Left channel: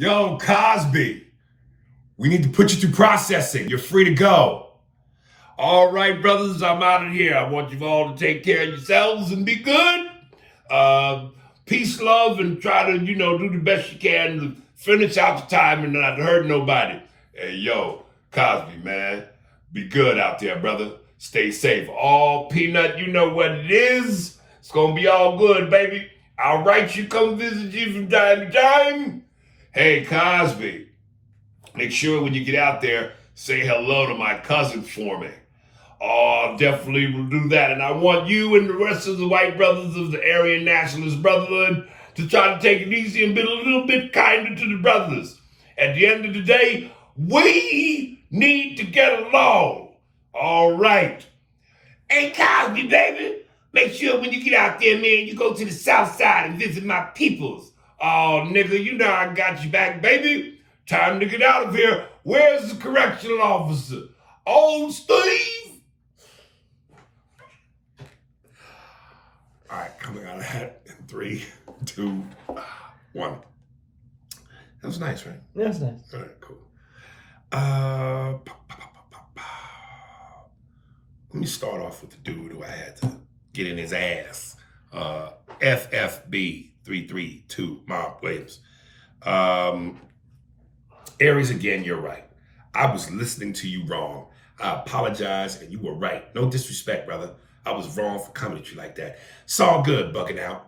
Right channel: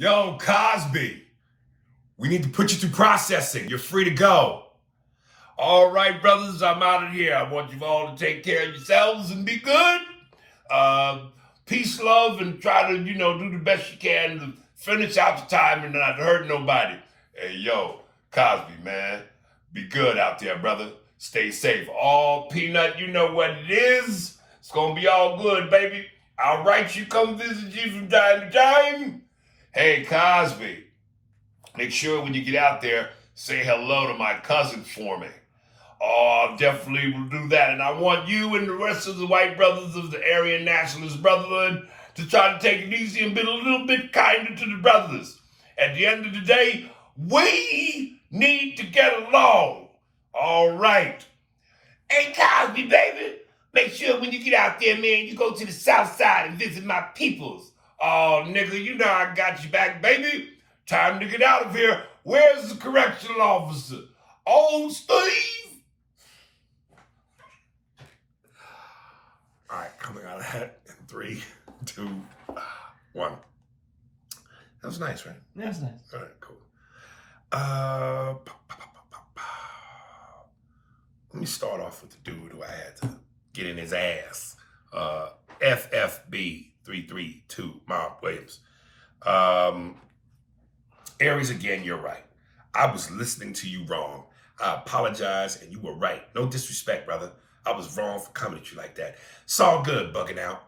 Yo, Cosby, we need to put you through processing. You're free to go. All right, brothers, I'm out of here. I want you all to take care of yourselves and be good. Peace, love, and try to, do the best you can to finish out the time and not hurt nobody. Hey, yo, Cosby, man, be good out there, brother. Stay safe. All Peanut, you know what it is. It's gonna be all good, baby. I'll write you, come visit you from time to time. Hey, Cosby, make sure when you get out there, say hello to my cousin for me. Oh, definitely will do that. And I want you and the rest of the white brothers of the Aryan Nationalist Brotherhood to try to take it easy and be a little bit kinder to the brothers. At the end of the day, we need to get along. All right. Hey, Cosby, baby, make sure when you get out there, man, you go to the South Side and visit my peoples. Oh, nigga, you know I got you back, baby. Time to get out of here. Where's the correctional officer? Old Steve? All right, coming out of that in 3, 2, 1. That was nice, right? Yeah, that's nice. All right, cool. Let me start off with the dude who I had to get in his ass. FFB 332, Mark Williams. Aries, again, you're right. I was listening to you wrong. I apologize, and you were right. No disrespect, brother. I was wrong for coming at you like that. It's all good, bugging out.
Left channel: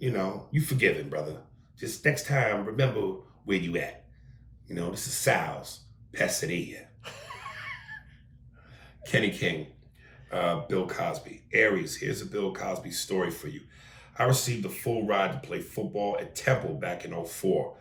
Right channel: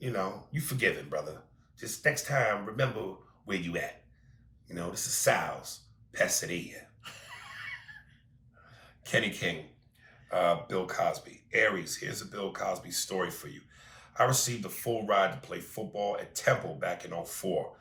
You forgiven, brother. Just next time, remember where you at. This is SAL's Pasadena. Kenny King, Bill Cosby. Aries, here's a Bill Cosby story for you. I received a full ride to play football at Temple back in 2004.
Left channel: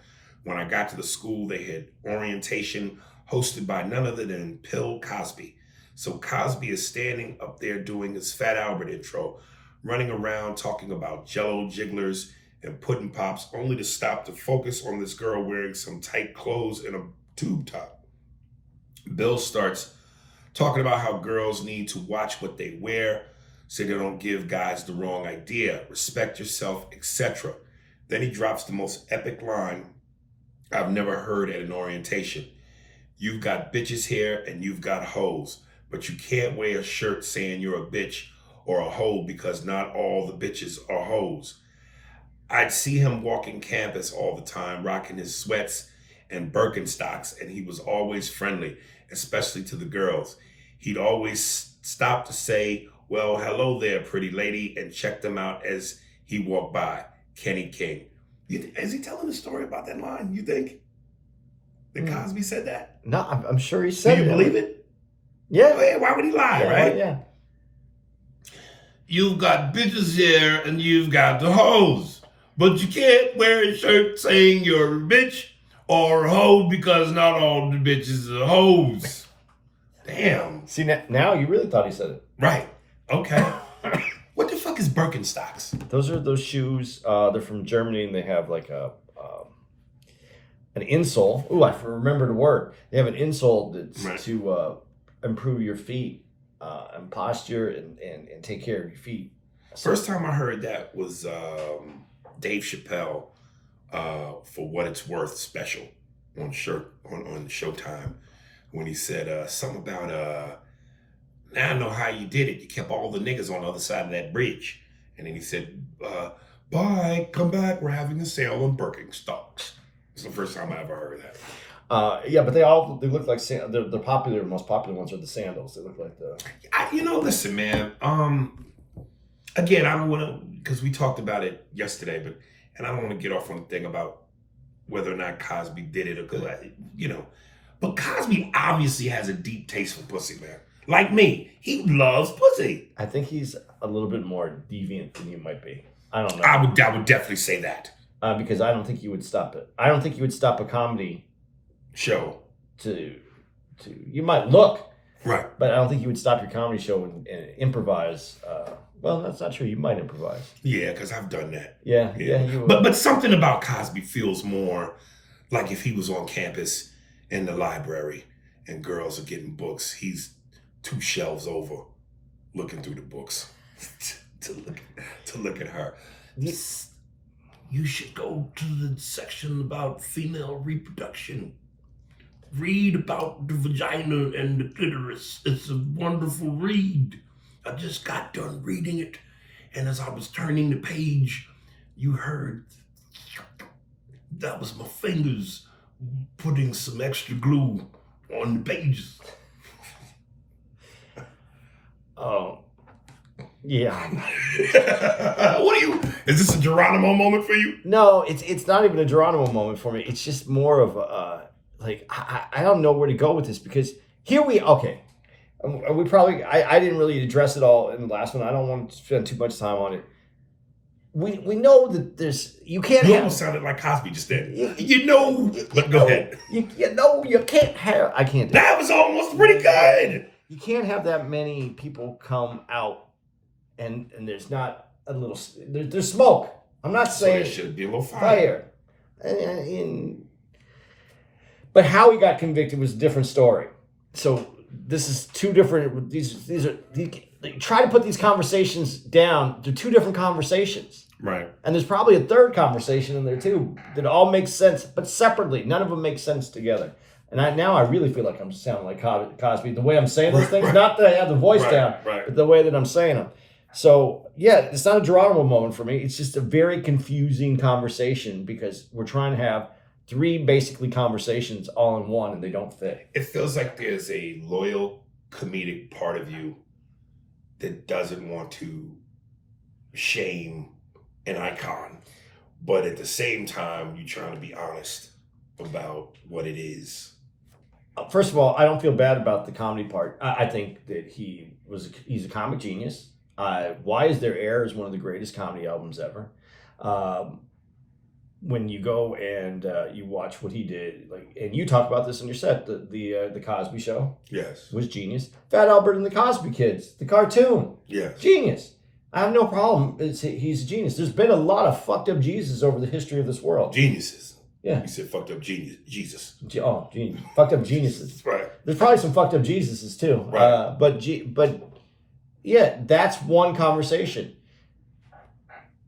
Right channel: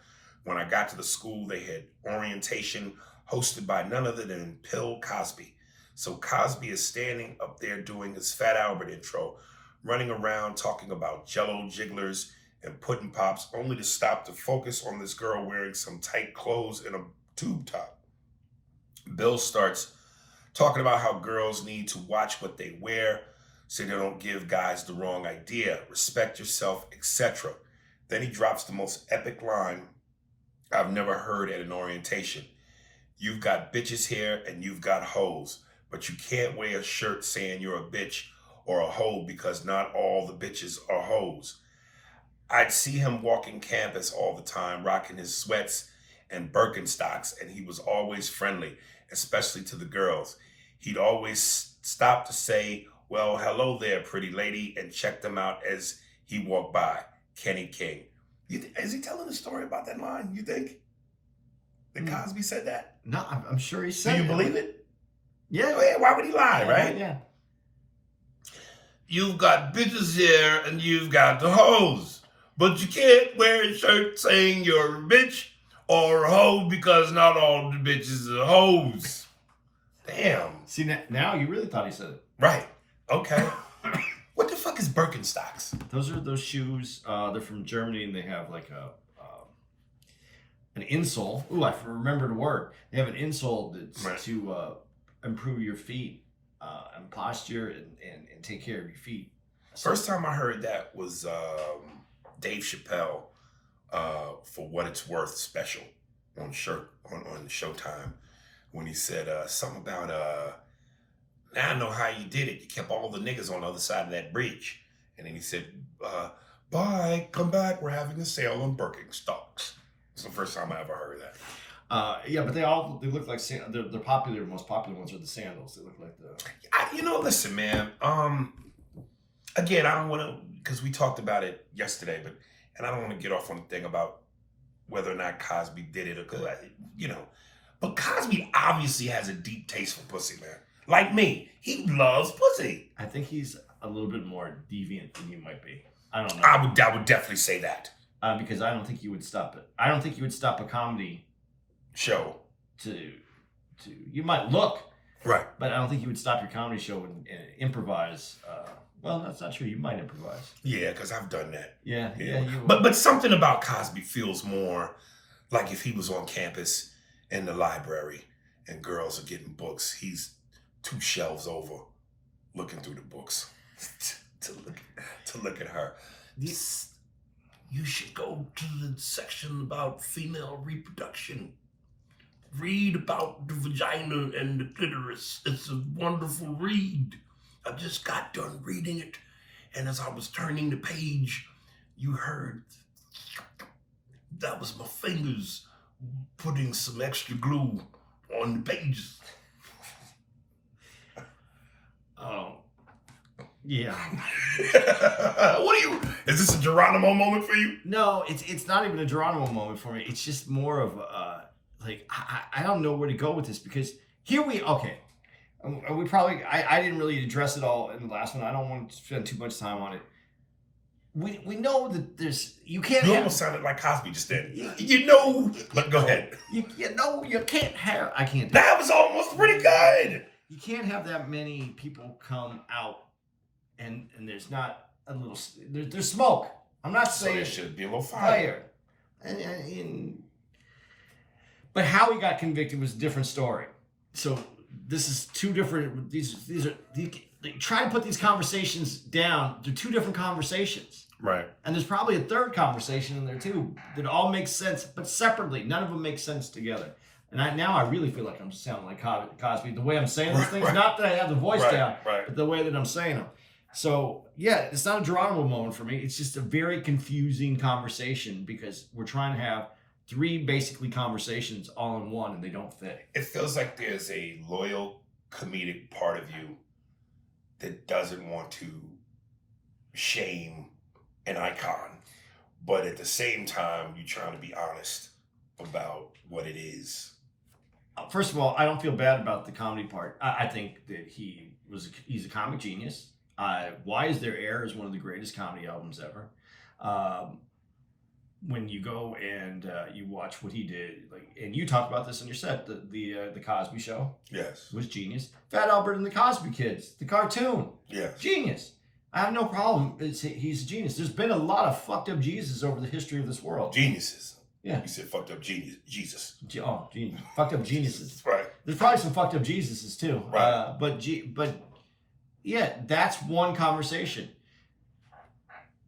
When I got to the school, they had orientation hosted by none other than Bill Cosby. So Cosby is standing up there doing his Fat Albert intro, running around talking about Jello jigglers and pudding pops, only to stop to focus on this girl wearing some tight clothes and a tube top. Bill starts talking about how girls need to watch what they wear so they don't give guys the wrong idea, respect yourself, etc. Then he drops the most epic line I've never heard at an orientation. You've got bitches here and you've got hoes, but you can't wear a shirt saying you're a bitch or a hoe because not all the bitches are hoes. I'd see him walking campus all the time, rocking his sweats and Birkenstocks, and he was always friendly, especially to the girls. He'd always stop to say, well, hello there, pretty lady, and check them out as he walked by. Kenny King. Is he telling a story about that line, you think? That Cosby said that? No, I'm sure he said it. Do you believe it? Yeah. Oh, yeah. Why would he lie, right? Yeah. You've got bitches here and you've got the hoes. But you can't wear a shirt saying you're a bitch or a hoe because not all the bitches are hoes. Damn. See, now you really thought he said it. Right. Okay. What the fuck is Birkenstocks? Those are those shoes. They're from Germany, and they have like an insole. Ooh, I remember the word. They have an insole that's to improve your feet and posture and take care of your feet. First time I heard that was Dave Chappelle for What It's Worth special on Showtime when he said something about now I know how you did it. You kept all the niggas on the other side of that bridge. And then he said, bye, come back. We're having a sale on Birkenstocks. It's the first time I ever heard that. Yeah, but they look like the popular, most popular ones are the sandals. They look like the. Listen, man. Again, I don't want to, because we talked about it yesterday, and I don't want to get off on the thing about whether or not Cosby did it or but Cosby obviously has a deep taste for pussy, man. Like me, he loves pussy. I think he's a little bit more deviant than you might be. I don't know. I would definitely say that. Because I don't think you would stop it. I don't think you would stop a comedy show to you might look right, but I don't think you would stop your comedy show and improvise. Well, that's not true. You might improvise. Yeah, because I've done that. Yeah. But something about Cosby feels more like if he was on campus in the library and girls are getting books, he's 2 shelves over looking through the books to look at her. you should go to the section about female reproduction. Read about the vagina and the clitoris. It's a wonderful read. I just got done reading it, and as I was turning the page, you heard that was my fingers putting some extra glue on the pages. Oh, yeah. Is this a Geronimo moment for you? No, it's not even a Geronimo moment for me. It's just more of like I don't know where to go with this, because here we probably I didn't really address it all in the last one. I don't want to spend too much time on it. We know that you can't. You almost sounded like Cosby just then. But go ahead. You can't have. I can't. That was almost pretty good. You can't have that many people come out, and there's not a little. There's smoke. I'm not saying there should be a little fire. But how he got convicted was a different story. So this is two different. These are. Try to put these conversations down. They're two different conversations. Right. And there's probably a third conversation in there too that all makes sense, but separately. None of them make sense together. And I really feel like I'm sounding like Cosby. The way I'm saying these things, not that I have the voice down, but the way that I'm saying them. So, yeah, it's not a Geronimo moment for me. It's just a very confusing conversation, because we're trying to have three basically conversations all in one, and they don't fit. It feels like there's a loyal comedic part of you that doesn't want to shame an icon, but at the same time, you're trying to be honest about what it is. First of all, I don't feel bad about the comedy part. I think that he's a comic genius. Why Is There Air is one of the greatest comedy albums ever. When you go and you watch what he did, and you talked about this in your set, the Cosby Show, yes, was genius. Fat Albert and the Cosby Kids, the cartoon, yes, genius. I have no problem. He's a genius. There's been a lot of fucked up Jesus over the history of this world. Geniuses. Yeah. You said fucked up Jesus. Oh, genius. Fucked up geniuses. Right. There's probably some fucked up Jesuses too. Right. But yeah, that's one conversation.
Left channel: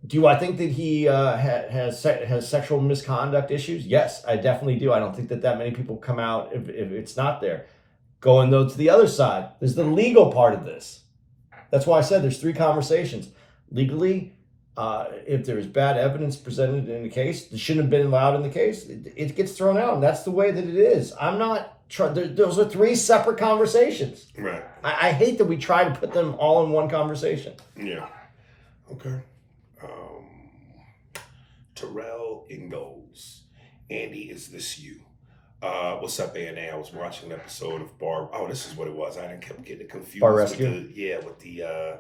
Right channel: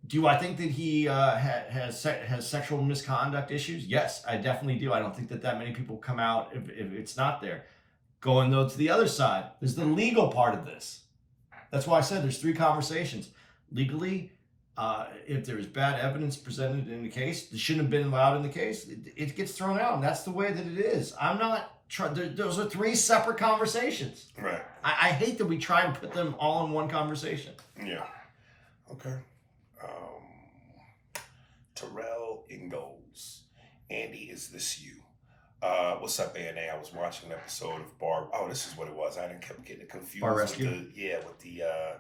Do I think that he has sexual misconduct issues? Yes, I definitely do. I don't think that many people come out if it's not there. Going though to the other side, there's the legal part of this. That's why I said there's three conversations. Legally, if there's bad evidence presented in the case, it shouldn't have been allowed in the case. It gets thrown out, and that's the way that it is. I'm not trying. Those are three separate conversations. Right. I hate that we try to put them all in one conversation. Yeah. Okay. Terrell Ingalls. Andy, is this you? What's up, ANA? I was watching an episode of Bar. Oh, this is what it was. I kept getting confused. Bar Rescue? With the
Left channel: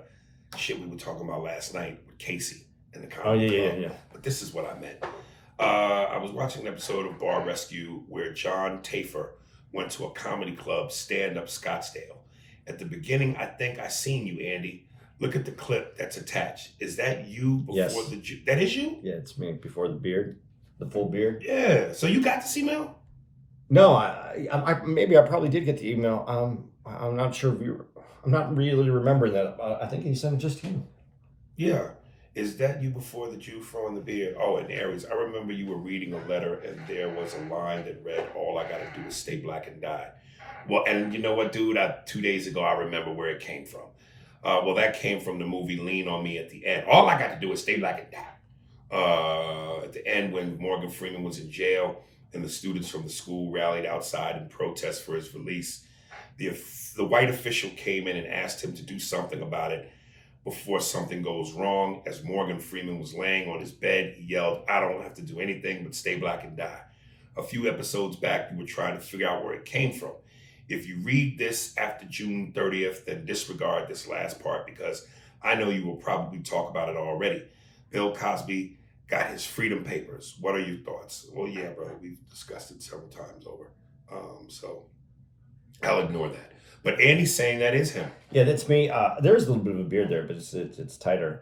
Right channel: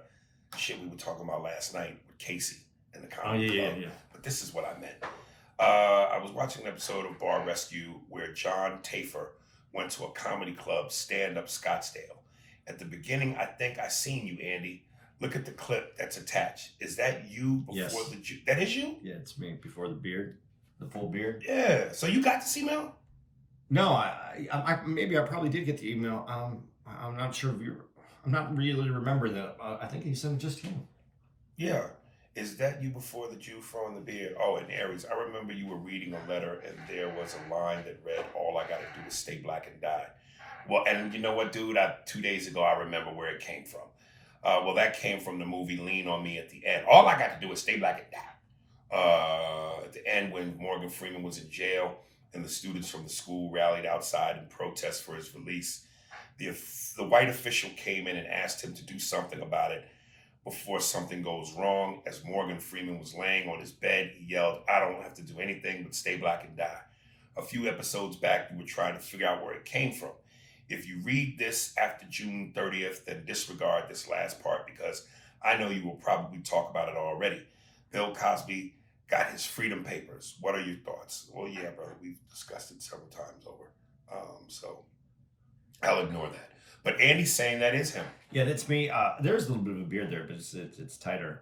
shit we were talking about last night with Casey and the comedy club. Yeah. But this is what I meant. I was watching an episode of Bar Rescue where John Tafer went to a comedy club, Stand Up Scottsdale. At the beginning, I think I seen you, Andy. Look at the clip that's attached. Is that you before Yes. That is you? Yeah, it's me before the beard, the full beard. Yeah. So you got this email? No, I maybe I probably did get the email. I'm not sure if I'm not really remembering that. I think he sent it just to you. Yeah. Is that you before the Jew throwing the beard? Oh, and Aries, I remember you were reading a letter and there was a line that read, "All I got to do is stay black and die." Well, and you know what, dude? 2 days ago, I remember where it came from. Well, that came from the movie Lean on Me at the end. All I got to do is stay black and die. At the end, when Morgan Freeman was in jail and the students from the school rallied outside in protest for his release, the white official came in and asked him to do something about it before something goes wrong. As Morgan Freeman was laying on his bed, he yelled, "I don't have to do anything but stay black and die." A few episodes back, you were trying to figure out where it came from. If you read this after June 30th, then disregard this last part because I know you will probably talk about it already. Bill Cosby got his freedom papers. What are your thoughts? Well, yeah, brother, we've discussed it several times over. So I'll ignore that. But Andy's saying that is him. Yeah, that's me. There's a little bit of a beard there, but it's tighter.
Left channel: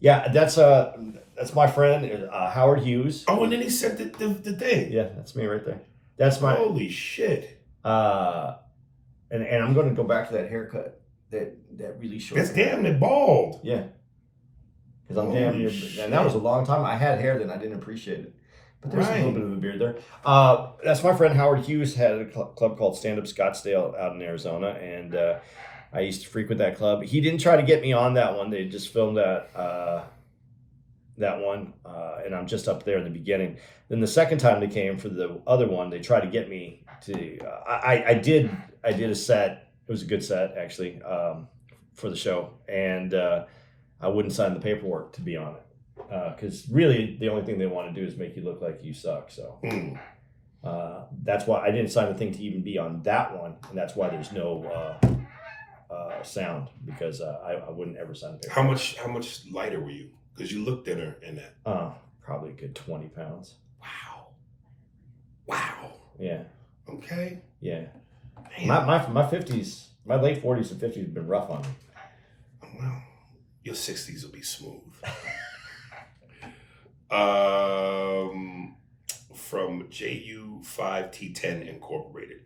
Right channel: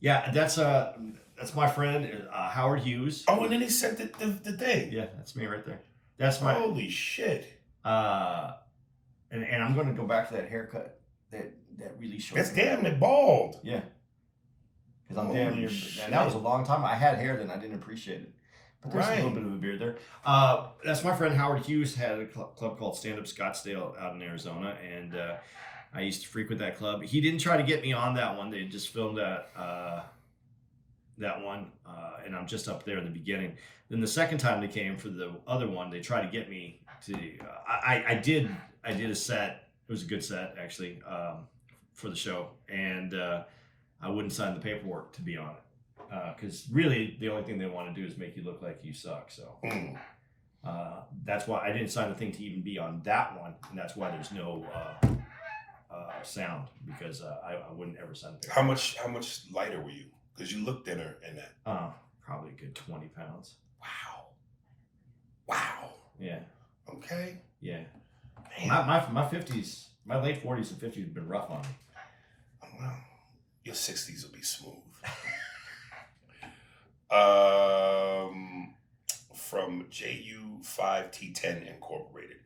Yeah, that's my friend Howard Hughes. Oh, and then he sent the thing. Yeah, that's me right there. That's my holy shit. And I'm going to go back to that haircut that really short. That's damn it bald. Yeah. because I'm paying you. And that was a long time. I had hair then. I didn't appreciate it. But there's a little bit of a beard there. That's my friend Howard Hughes had a club called Stand Up Scottsdale out in Arizona, and I used to frequent that club. He didn't try to get me on that one. They just filmed that one, and I'm just up there in the beginning. Then the second time they came for the other one, they tried to get me to. I did a set. It was a good set actually for the show, and I wouldn't sign the paperwork to be on it. Because really, the only thing they want to do is make you look like you suck. So that's why I didn't sign the thing to even be on that one, and that's why there's no sound, because I wouldn't ever sign the paperwork. How much lighter were you? Because you looked thinner in that. Probably a good 20 pounds. Wow. Yeah. Okay. Yeah. Man. My 50s, my late 40s and 50s have been rough on me. Well, your 60s will be smooth. From JU5T10 Incorporated,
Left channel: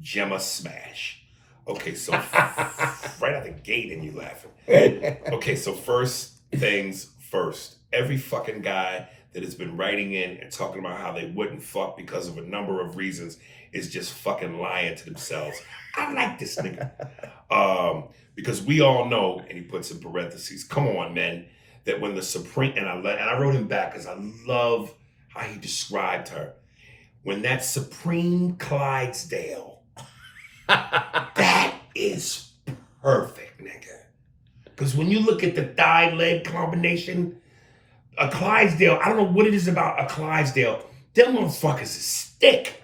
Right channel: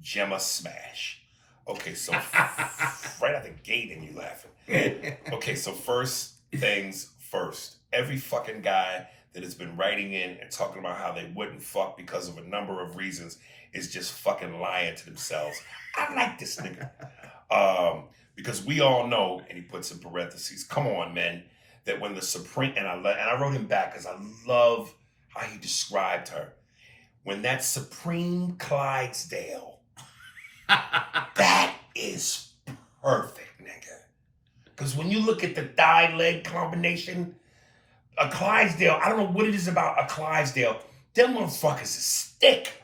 Gemma Smash. Okay, so right out the gate and you laughing. Okay, so first things first. Every fucking guy that has been writing in and talking about how they wouldn't fuck because of a number of reasons is just fucking lying to themselves. I like this nigga. Because we all know, and he puts in parentheses, come on, man, that when the Supreme, and I wrote him back because I love how he described her. When that Supreme Clydesdale, that is perfect, nigga. Because when you look at the thigh-leg combination, a Clydesdale, I don't know what it is about a Clydesdale. Them motherfuckers is thick.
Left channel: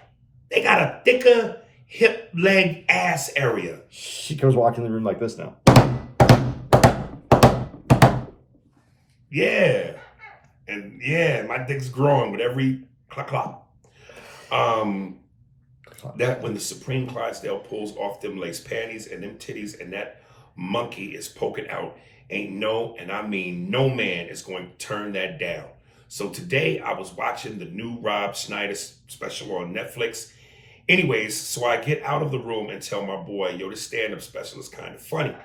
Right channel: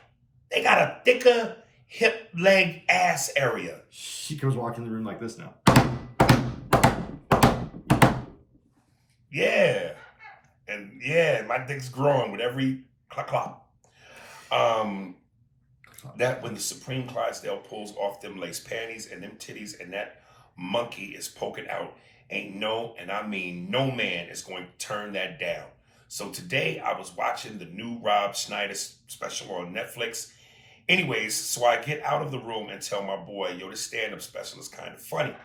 They got a thicker hip, leg, ass area. She goes walking in the room like this now. Yeah. And yeah, my dick's growing with every clock. That when the Supreme Clydesdale pulls off them lace panties and them titties and that monkey is poking out, ain't no, and I mean no man is going to turn that down. So today I was watching the new Rob Schneider special on Netflix. Anyways, so I get out of the room and tell my boy, yo, this stand-up special is kind of funny.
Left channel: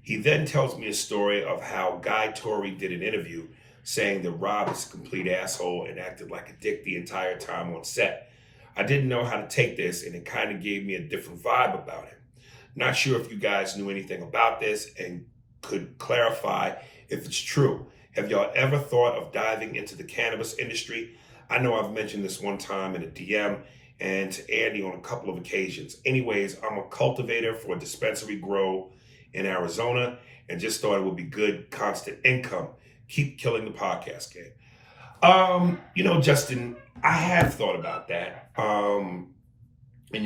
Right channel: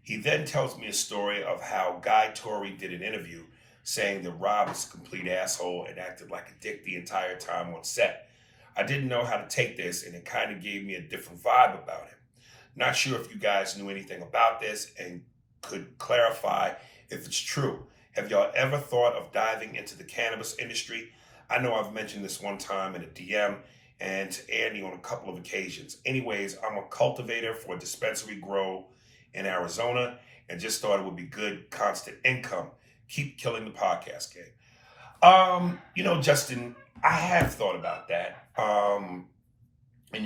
He then tells me a story of how Guy Torrey did an interview saying that Rob is a complete asshole and acted like a dick the entire time on set. I didn't know how to take this, and it kind of gave me a different vibe about him. Not sure if you guys knew anything about this and could clarify if it's true. Have y'all ever thought of diving into the cannabis industry? I know I've mentioned this one time in a DM and to Andy on a couple of occasions. Anyways, I'm a cultivator for a dispensary grow in Arizona and just thought it would be good, constant income. Keep killing the podcast game. Justin, I have thought about that. And,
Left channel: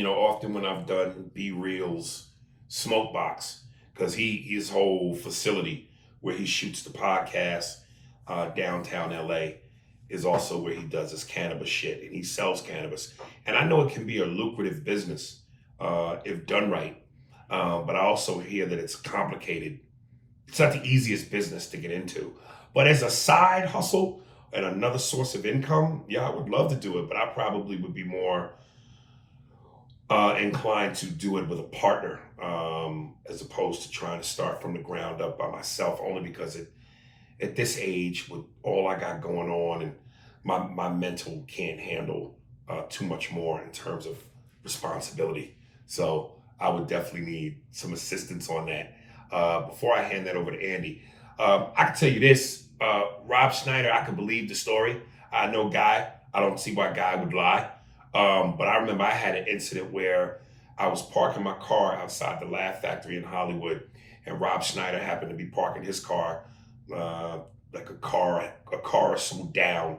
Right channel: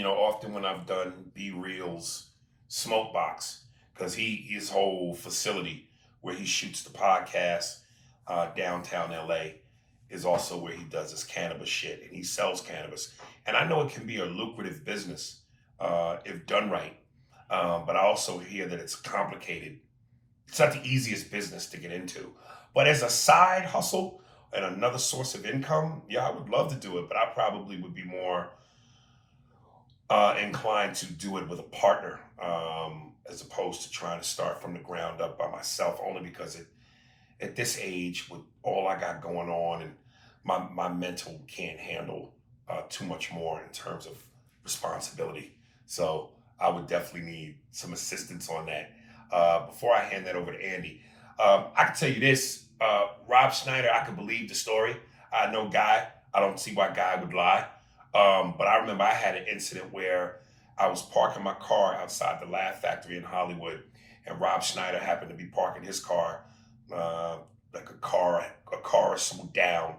often when I've done B-Reels Smoke Box, because his whole facility where he shoots the podcast downtown LA is also where he does his cannabis shit, and he sells cannabis. And I know it can be a lucrative business if done right. But I also hear that it's complicated. It's not the easiest business to get into. But as a side hustle and another source of income, yeah, I would love to do it, but I probably would be more inclined to do it with a partner as opposed to trying to start from the ground up by myself, only because at this age, with all I got going on, and my mental can't handle too much more in terms of responsibility. So I would definitely need some assistance on that. Before I hand that over to Andy, I can tell you this, Rob Schneider, I can believe the story. I know Guy. I don't see why Guy would lie. But I remember I had an incident where I was parking my car outside the Laugh Factory in Hollywood, and Rob Schneider happened to be parking his car, like a car or so down.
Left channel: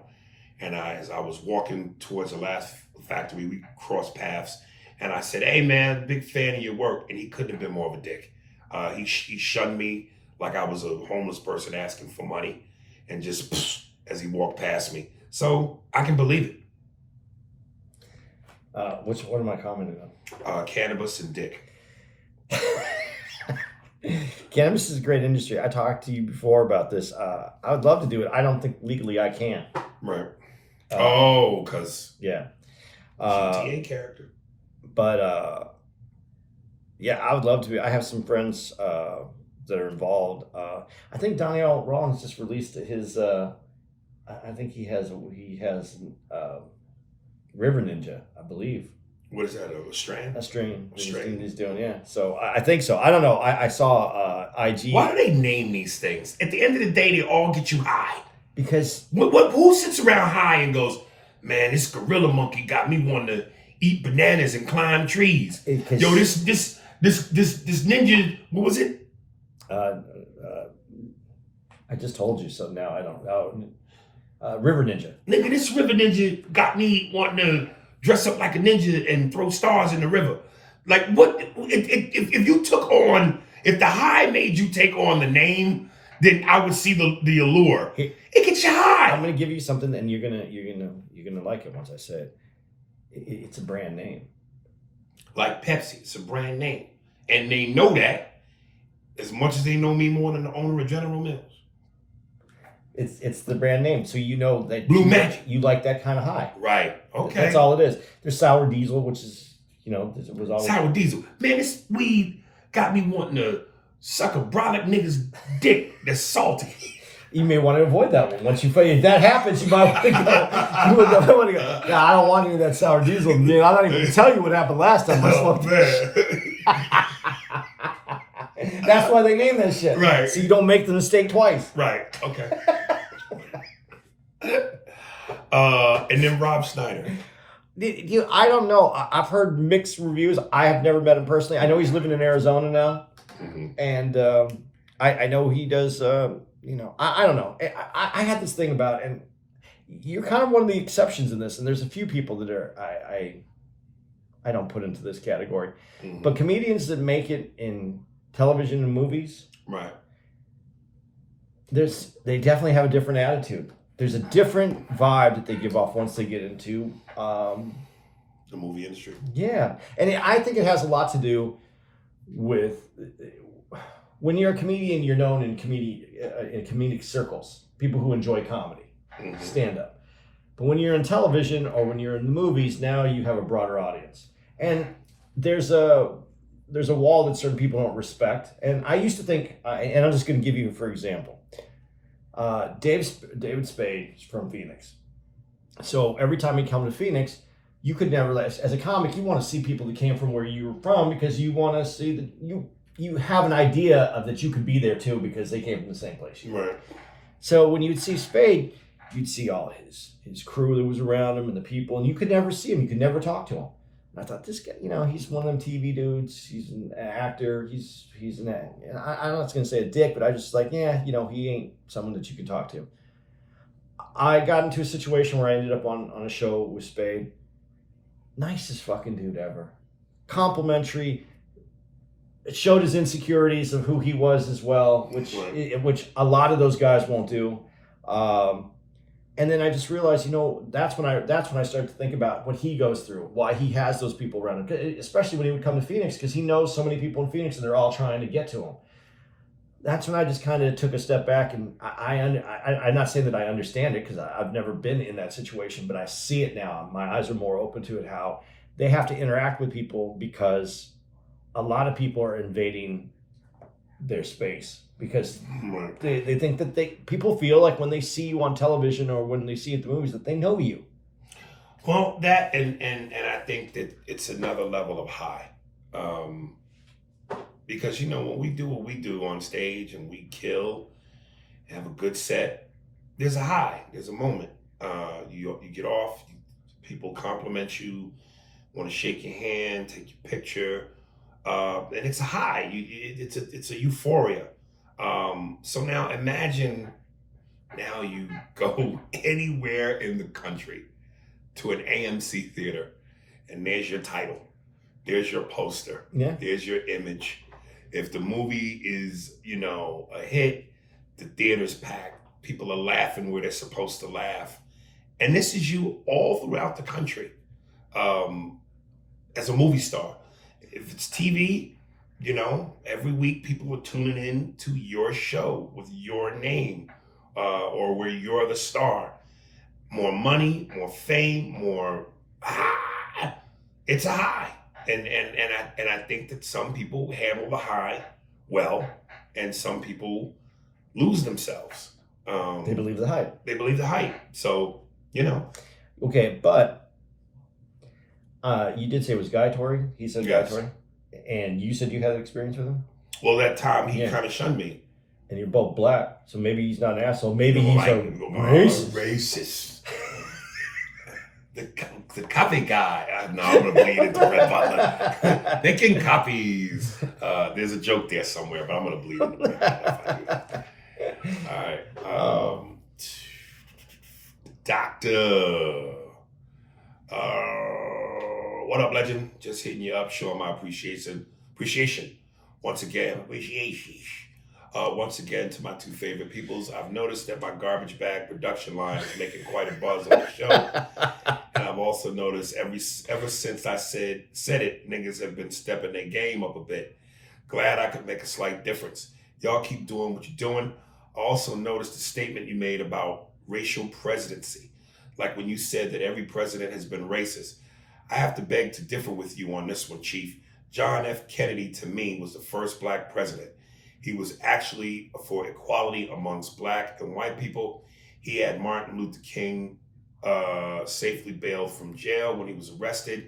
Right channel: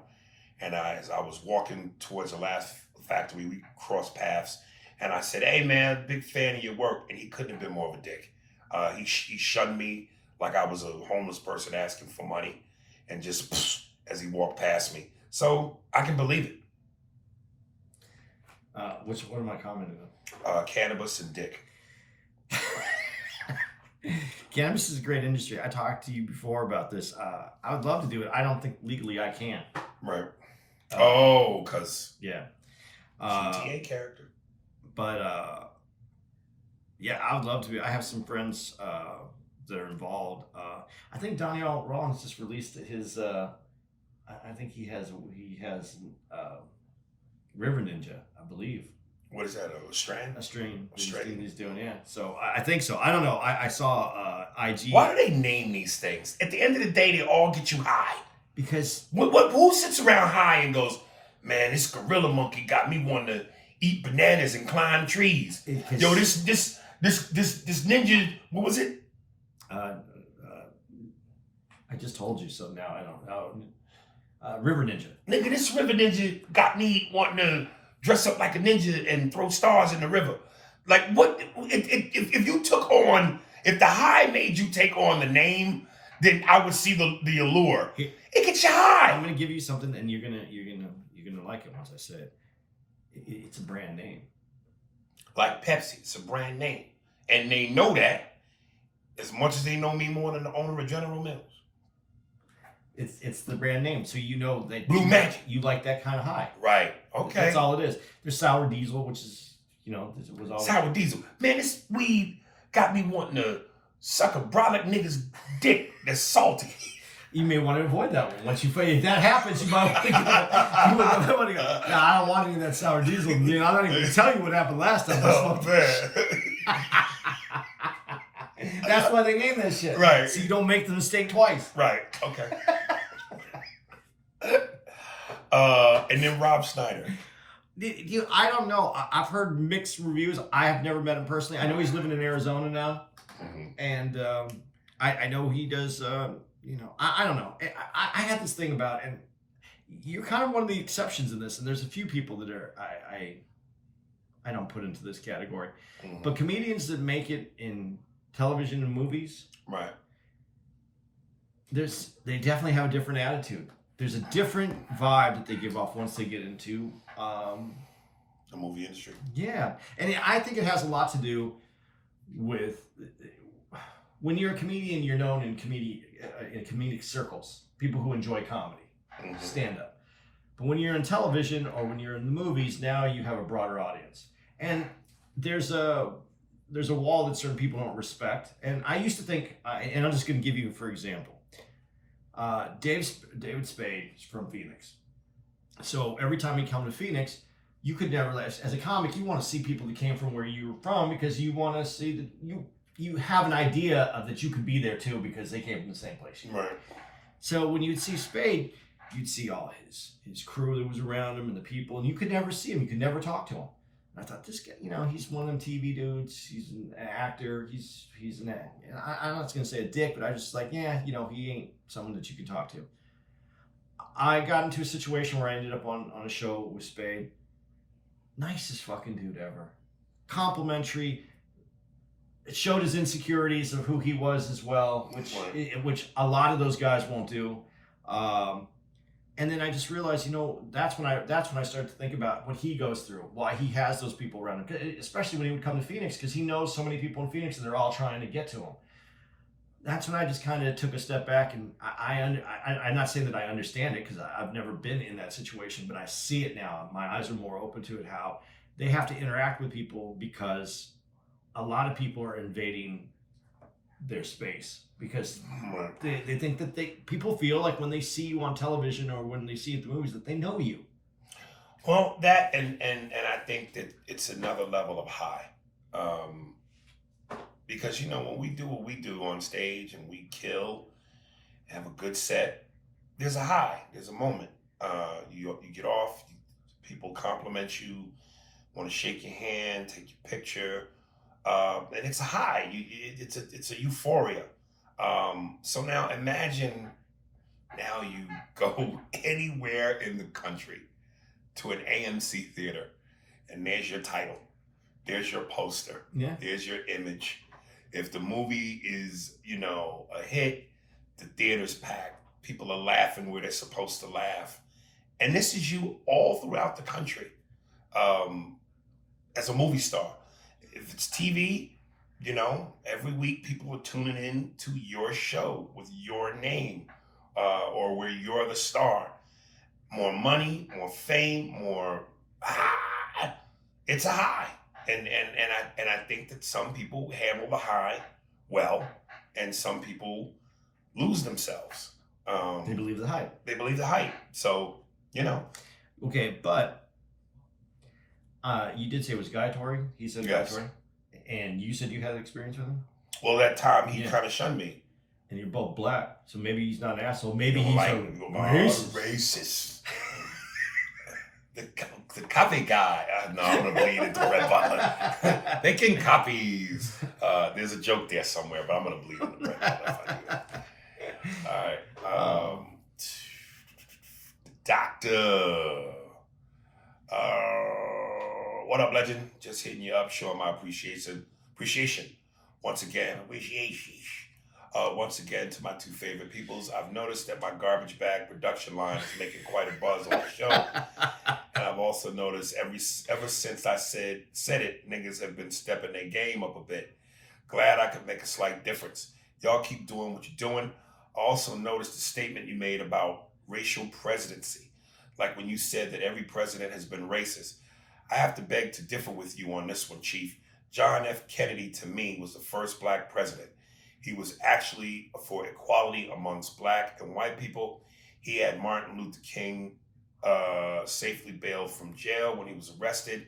And as I was walking towards the Laugh Factory, we crossed paths, and I said, "Hey man, big fan of your work." And he couldn't have been more of a dick. He shunned me like I was a homeless person asking for money, and just as he walked past me. So I can believe it. What am I commenting on? Cannabis and dick. Cannabis is a great industry. I talked to you before about this. I would love to do it. I don't think legally I can. Right. Because yeah, GTA character. But yeah, I would love to be. I have some friends that are involved. I think Danielle Rollins just released his. I think he has River Ninja, I believe. What is that? A strain? A strain. Strain. He's doing, yeah. So I think so. I don't know. I saw IG. Why do they name these things? At the end of the day, they all get you high. Because who sits around high and goes, man, this gorilla monkey got me wanting to eat bananas and climb trees. Yo, this ninja, what was it? I just told you, so now I don't know. River Ninja. Nigga, this River Ninja got me wanting to dress up like a ninja and throw stars in the river. Like, what? If you took on, if the high made you take on the name, then I would see the allure. It gets you high. I'm gonna give you something, and you're gonna like it once I say it. It's a brand name. Like Pepsi, it's a brand name, and they know that as much as they know me more than the owner of General Mills. It's the brand name, so you know that Blue Magic. You like that kind of high, right? Okay, that's all it is. There's Sour Diesel, which is was always Sour Diesel. Man, this weed got me wanting to suck a brolic nigga's dick that's salty. You may want to avoid that one. Once if that happens, you might want to go. Yeah, I don't want any of that Sour Diesel. Man, I don't even tell you what happened last time I smoked. That's why they name that shit. Right. So you don't make the mistake twice. Right. Okay. And then Rob Schneider. I don't know. I've heard mixed reviews. I have never met him personally. I know he's living in Arizona now, and I know he does. I don't know. I had this thing about, and you're kind of one of the exceptions in this. And there's a few people that are I don't put into this category, but comedians that make it in television and movies, right? They definitely have a different attitude. There's a different vibe that they give off once they get into the movie industry. Yeah, and I think it has a lot to do with when you're a comedian, you're known in comedic circles, people who enjoy comedy, stand up. But when you're in television or when you're in the movies, now you have a broader audience, and there's a wall that certain people don't respect. And I used to think, and I'm just going to give you for example. David Spade is from Phoenix. So every time you come to Phoenix, you could never, as a comic, you want to see people that came from where you were from because you want to see that you have an idea of that you could be there too because they came from the same place. Right. So when you'd see Spade, you'd see all his crew that was around him and the people, and you could never see him. You could never talk to him. And I thought, this guy, he's one of them TV dudes. He's an actor. He's an actor. I'm not going to say a dick, but I just like, he ain't someone that you can talk to. I got into a situation where I ended up on a show with Spade. Nicest fucking dude ever. Complimentary. It showed his insecurities of who he was as well, which a lot of those guys won't do. And then I just realized, that's when I started to think about what he goes through, why he has those people around him, especially when he would come to Phoenix, because he knows so many people in Phoenix and they're all trying to get to him. That's when I just kind of took a step back, and I'm not saying that I understand it because I've never been in that situation, but I see it now. My eyes are more open to it, how they have to interact with people because a lot of people are invading their space. Because they think that people feel like when they see you on television or when they see you at the movies that they know you. Well, that and I think that it's another level of high, because when we do what we do on stage and we kill, and have a good set, there's a high, there's a moment. You get off, people compliment you, want to shake your hand, take your picture, and it's a high. It's a euphoria. So now imagine you go anywhere in the country to an AMC theater and there's your title, there's your poster, there's your image. If the movie is, a hit, the theater's packed, people are laughing where they're supposed to laugh. And this is you all throughout the country as a movie star. If it's TV, every week people are tuning in to your show with your name, or where you're the star. More money, more fame, more. It's a high, and I think that some people handle the high well, and some people lose themselves. They believe the hype. They believe the hype. So, you know. Okay, but you did say it was Guy Torrey. He said Yes. Guy Torrey. And you said you had experience with him? Well, that time he Yeah. kind of shunned me. And you're both black, so maybe he's not an asshole. Maybe You're he's like, a racist. the copy guy. No, I'm gonna bleed into Red Butler. Making copies. There's a joke there somewhere, but I'm gonna bleed into Red Butler if I do that. All right. Doctor. What up, legend? Just hitting you up, showing my appreciation. Once again, once again, to my two favorite peoples, I've noticed that my garbage bag production line is making quite a buzz on the show. And I've also noticed ever since I said it, niggas have been stepping their game up a bit. Glad I could make a slight difference. Y'all keep doing what you're doing. I also noticed the statement you made about racial presidency. Like when you said that every president has been racist. I have to beg to differ with you on this one, Chief. John F. Kennedy, to me, was the first black president. He was actually for equality amongst black and white people. He had Martin Luther King safely bailed from jail when he was arrested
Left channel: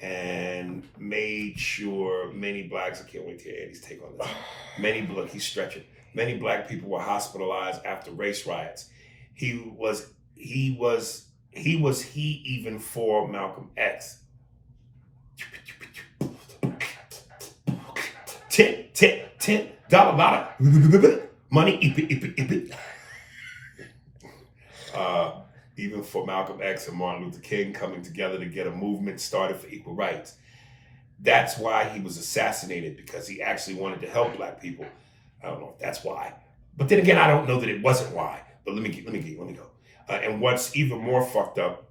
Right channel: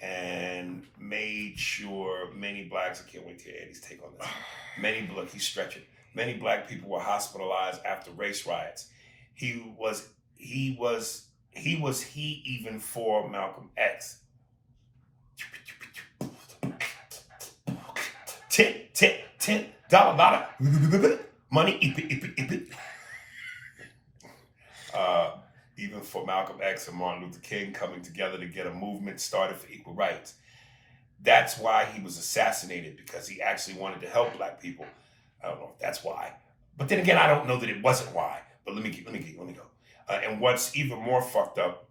and made sure many blacks, I can't wait to hear Andy's take on this. He's stretching. Many black people were hospitalized after race riots. He even for Malcolm X. $10 money. Even for Malcolm X and Martin Luther King coming together to get a movement started for equal rights. That's why he was assassinated, because he actually wanted to help black people. I don't know if that's why, but then again, I don't know that it wasn't why. But let me go. And what's even more fucked up,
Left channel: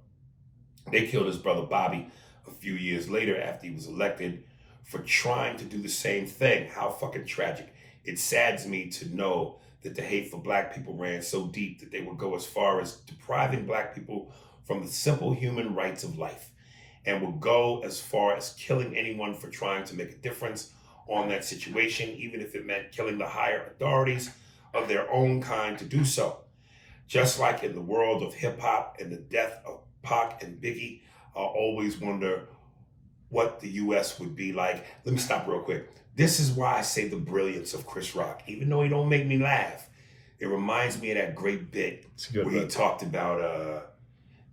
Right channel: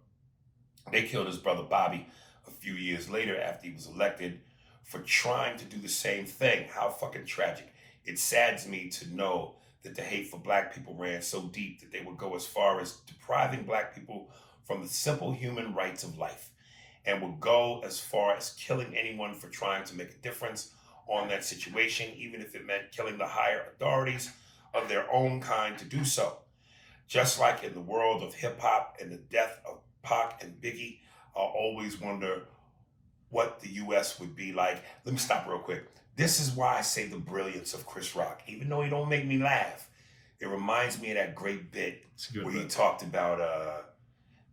they killed his brother Bobby a few years later after he was elected for trying to do the same thing. How fucking tragic. It saddens me to know that the hate for black people ran so deep that they would go as far as depriving black people from the simple human rights of life, and would go as far as killing anyone for trying to make a difference on that situation, even if it meant killing the higher authorities of their own kind to do so. Just like in the world of hip hop and the death of Pac and Biggie, I always wonder what the U.S. would be like. Let me stop real quick. This is why I say the brilliance of Chris Rock. Even though he don't make me laugh, it reminds me of that great bit where he talked about,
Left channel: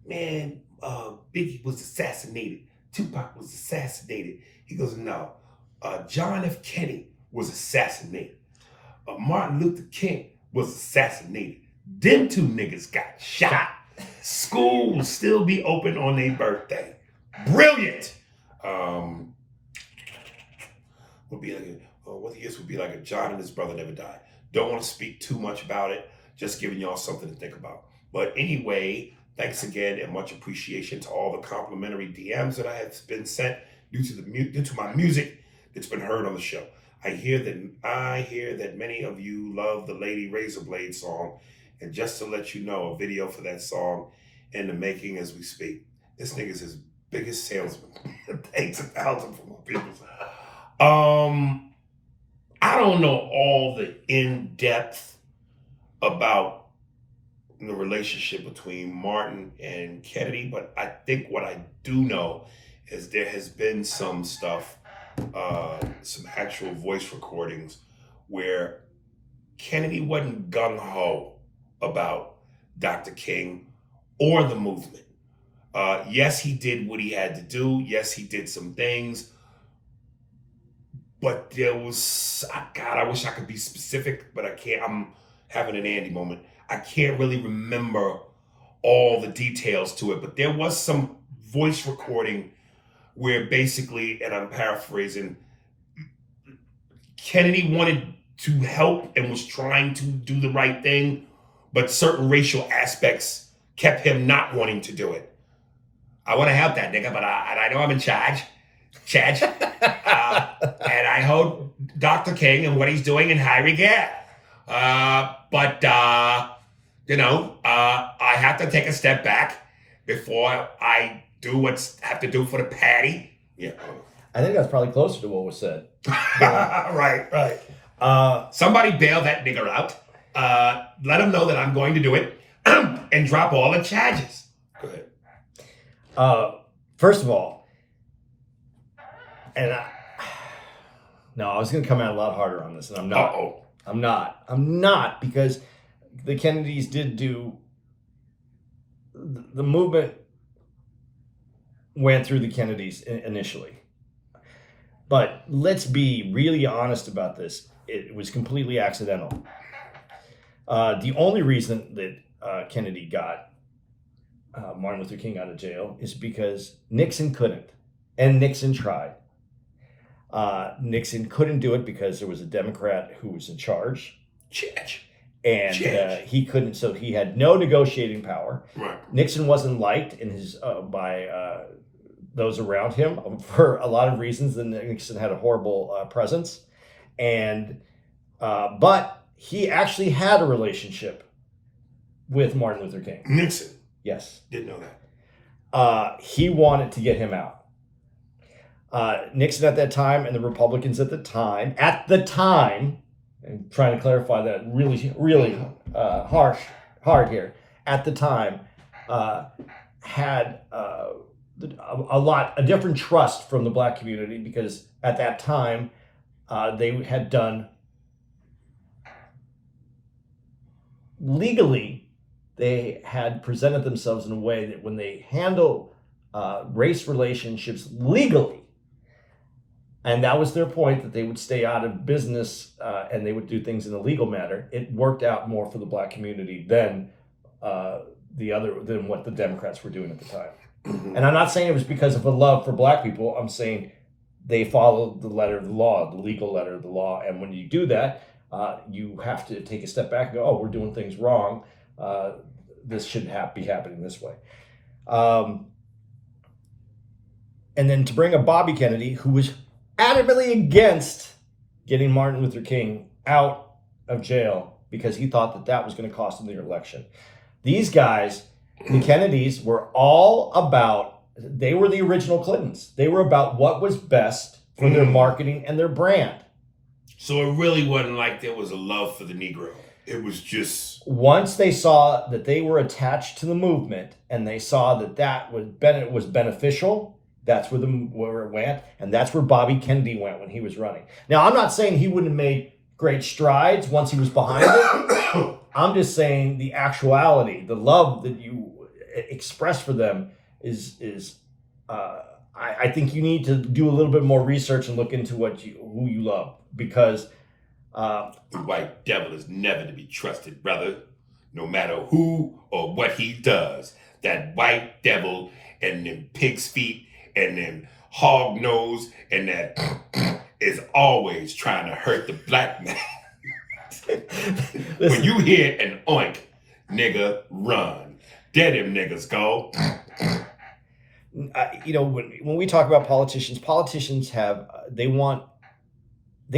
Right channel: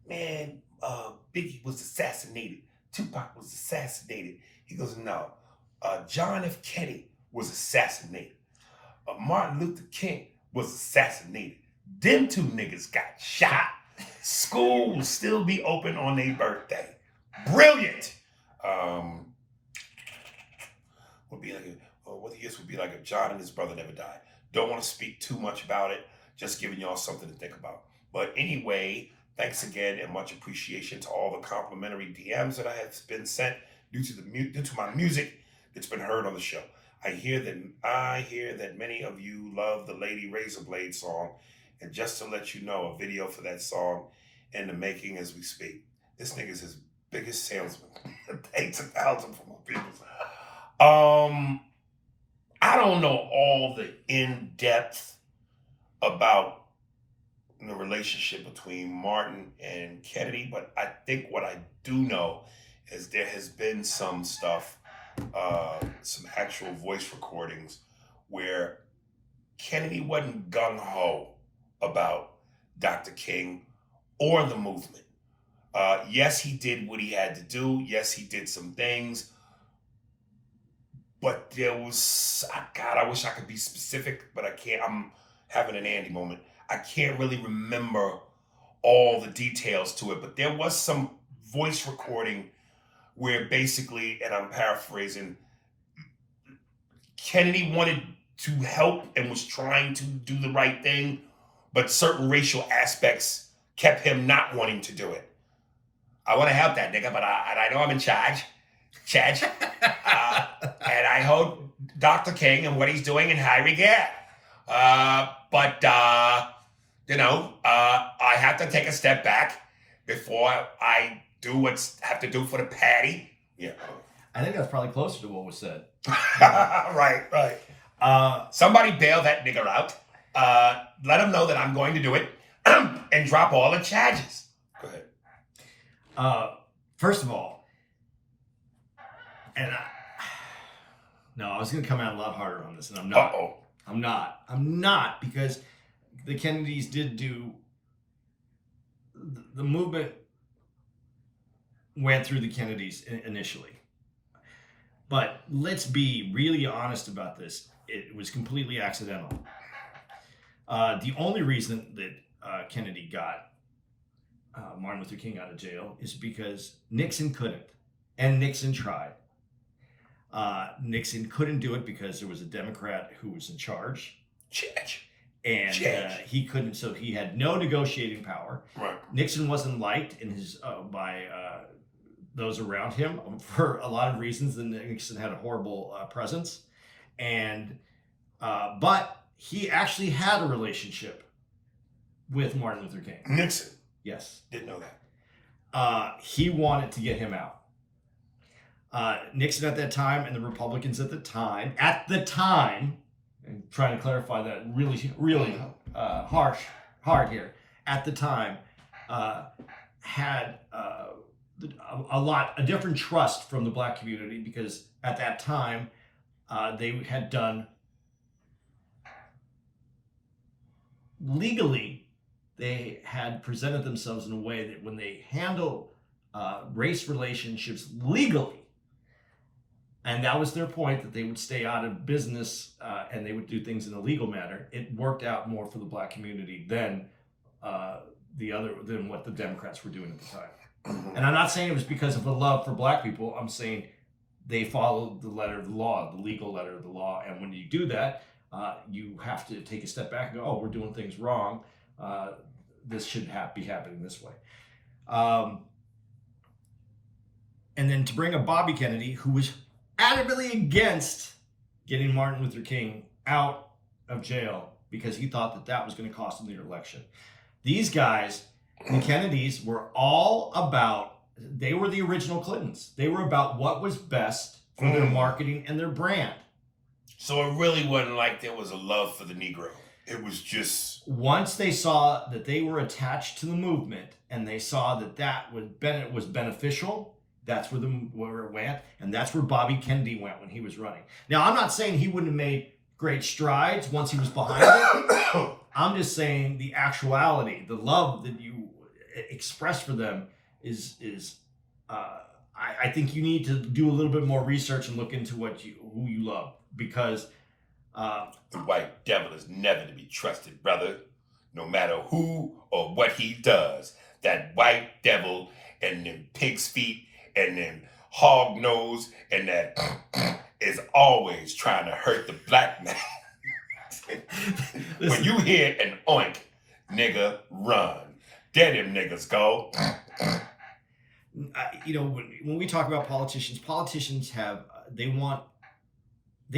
Biggie was assassinated. Tupac was assassinated. He goes, no, John F. Kennedy was assassinated. Martin Luther King was assassinated. Them two niggas got shot. School will still be open on their birthday. Brilliant. What years would be like if John and his brother never died. Don't want to speak too much about it. Just giving y'all something to think about. But anyway, thanks again and much appreciation to all the complimentary DMs that I have been sent due to my music that's been heard on the show. I hear that many of you love the Lady Razorblade song, and just to let you know, a video for that song in the making as we speak. This nigga's his biggest salesman. Thanks 1,000 for my people. I don't know all the in-depth about the relationship between Martin and Kennedy, but I think what I do know is there has been some stuff, some actual voice recordings where Kennedy wasn't gung-ho about Dr. King or the movement. Yes, he did what he had to do. Yes, he did some things. But there was, God, I wish I could be specific, but I can't. I'm having an Andy moment. I can't really remember all the details to it, but there was some voice recording where basically, and I'm paraphrasing, Kennedy wanted to help and was trying to do the right thing, but certain racial aspects kept him not wanting to do it. I want to help that nigga, but I know I'm in charge. And I hold Dr. King and what he's doing in high regard. But I have to take a step back before I do what's have to do for the patty. Yeah. I think that's probably closer to what was said. Right. Somebody bail that nigger out. Let him know that I'm going to do it and drop all the charges. Go ahead. First of all, and I was going to come out a lot harder on this, and I'm not. Uh-oh. I'm not, because the Kennedys did do, the movement went through the Kennedys initially. But let's be really honest about this. It was completely accidental. The only reason that Kennedy got Martin Luther King out of jail is because Nixon couldn't, and Nixon tried. Nixon couldn't do it because there was a Democrat who was in charge. And he couldn't, so he had no negotiating power. Right. Nixon wasn't liked in his by those around him for a lot of reasons. And Nixon had a horrible presence, and but he actually had a relationship with Martin Luther King. Nixon. Yes. Didn't know that. He wanted to get him out. Nixon at that time and the Republicans at the time, and trying to clarify that really hard here, at the time, had a different trust from the black community, because at that time they had done legally, they had presented themselves in a way that when they handle race relationships legally, and that was their point, that they would stay out of business and they would do things in a legal manner. It worked out more for the black community than what the Democrats were doing at the time. Mm-hmm. And I'm not saying it was because of a love for black people. I'm saying they followed the letter of the law, the legal letter of the law. And when you do that, you have to take a step back and go, oh, we're doing things wrong. This shouldn't be happening this way. And then to bring up Bobby Kennedy, who was adamantly against getting Martin Luther King out of jail because he thought that was going to cost him the election. These guys, the Kennedys, were all about, they were the original Clintons. They were about what was best for their marketing and their brand. So it really wasn't like there was a love for the Negro. It was just... Once they saw that they were attached to the movement and they saw that was beneficial, that's where it went, and that's where Bobby Kennedy went when he was running. Now, I'm not saying he wouldn't have made great strides once he was behind it. I'm just saying the actuality, the love that you express for them is I think you need to do a little bit more research and look into who you love, because the white devil is never to be trusted, brother. No matter who or what he does, that white devil and them pig's feet and then hog nose and that is always trying to hurt the black man. When you hear an oink, nigga, run. There them niggas go. When we talk about politicians have, they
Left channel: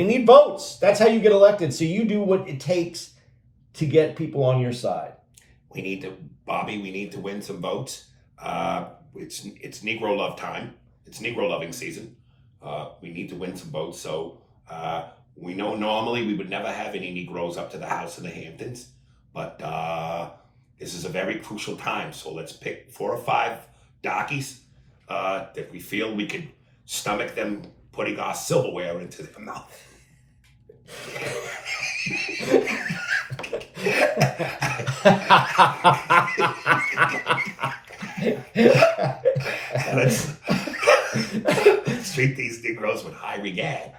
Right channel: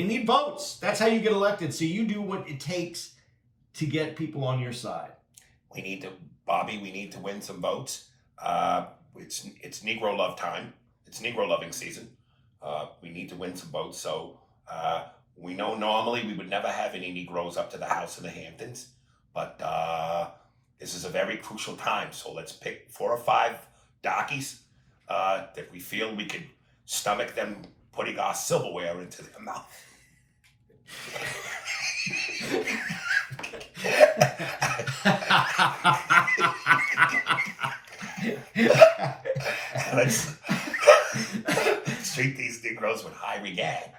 need votes. That's how you get elected. So you do what it takes to get people on your side. We need to win some votes. It's Negro love time. It's Negro loving season. We need to win some votes. So we know normally we would never have any Negroes up to the House in the Hamptons, but this is a very crucial time. So let's pick 4 or 5 darkies that we feel we could stomach them putting our silverware into their mouth. Let's treat these Negroes with high regard.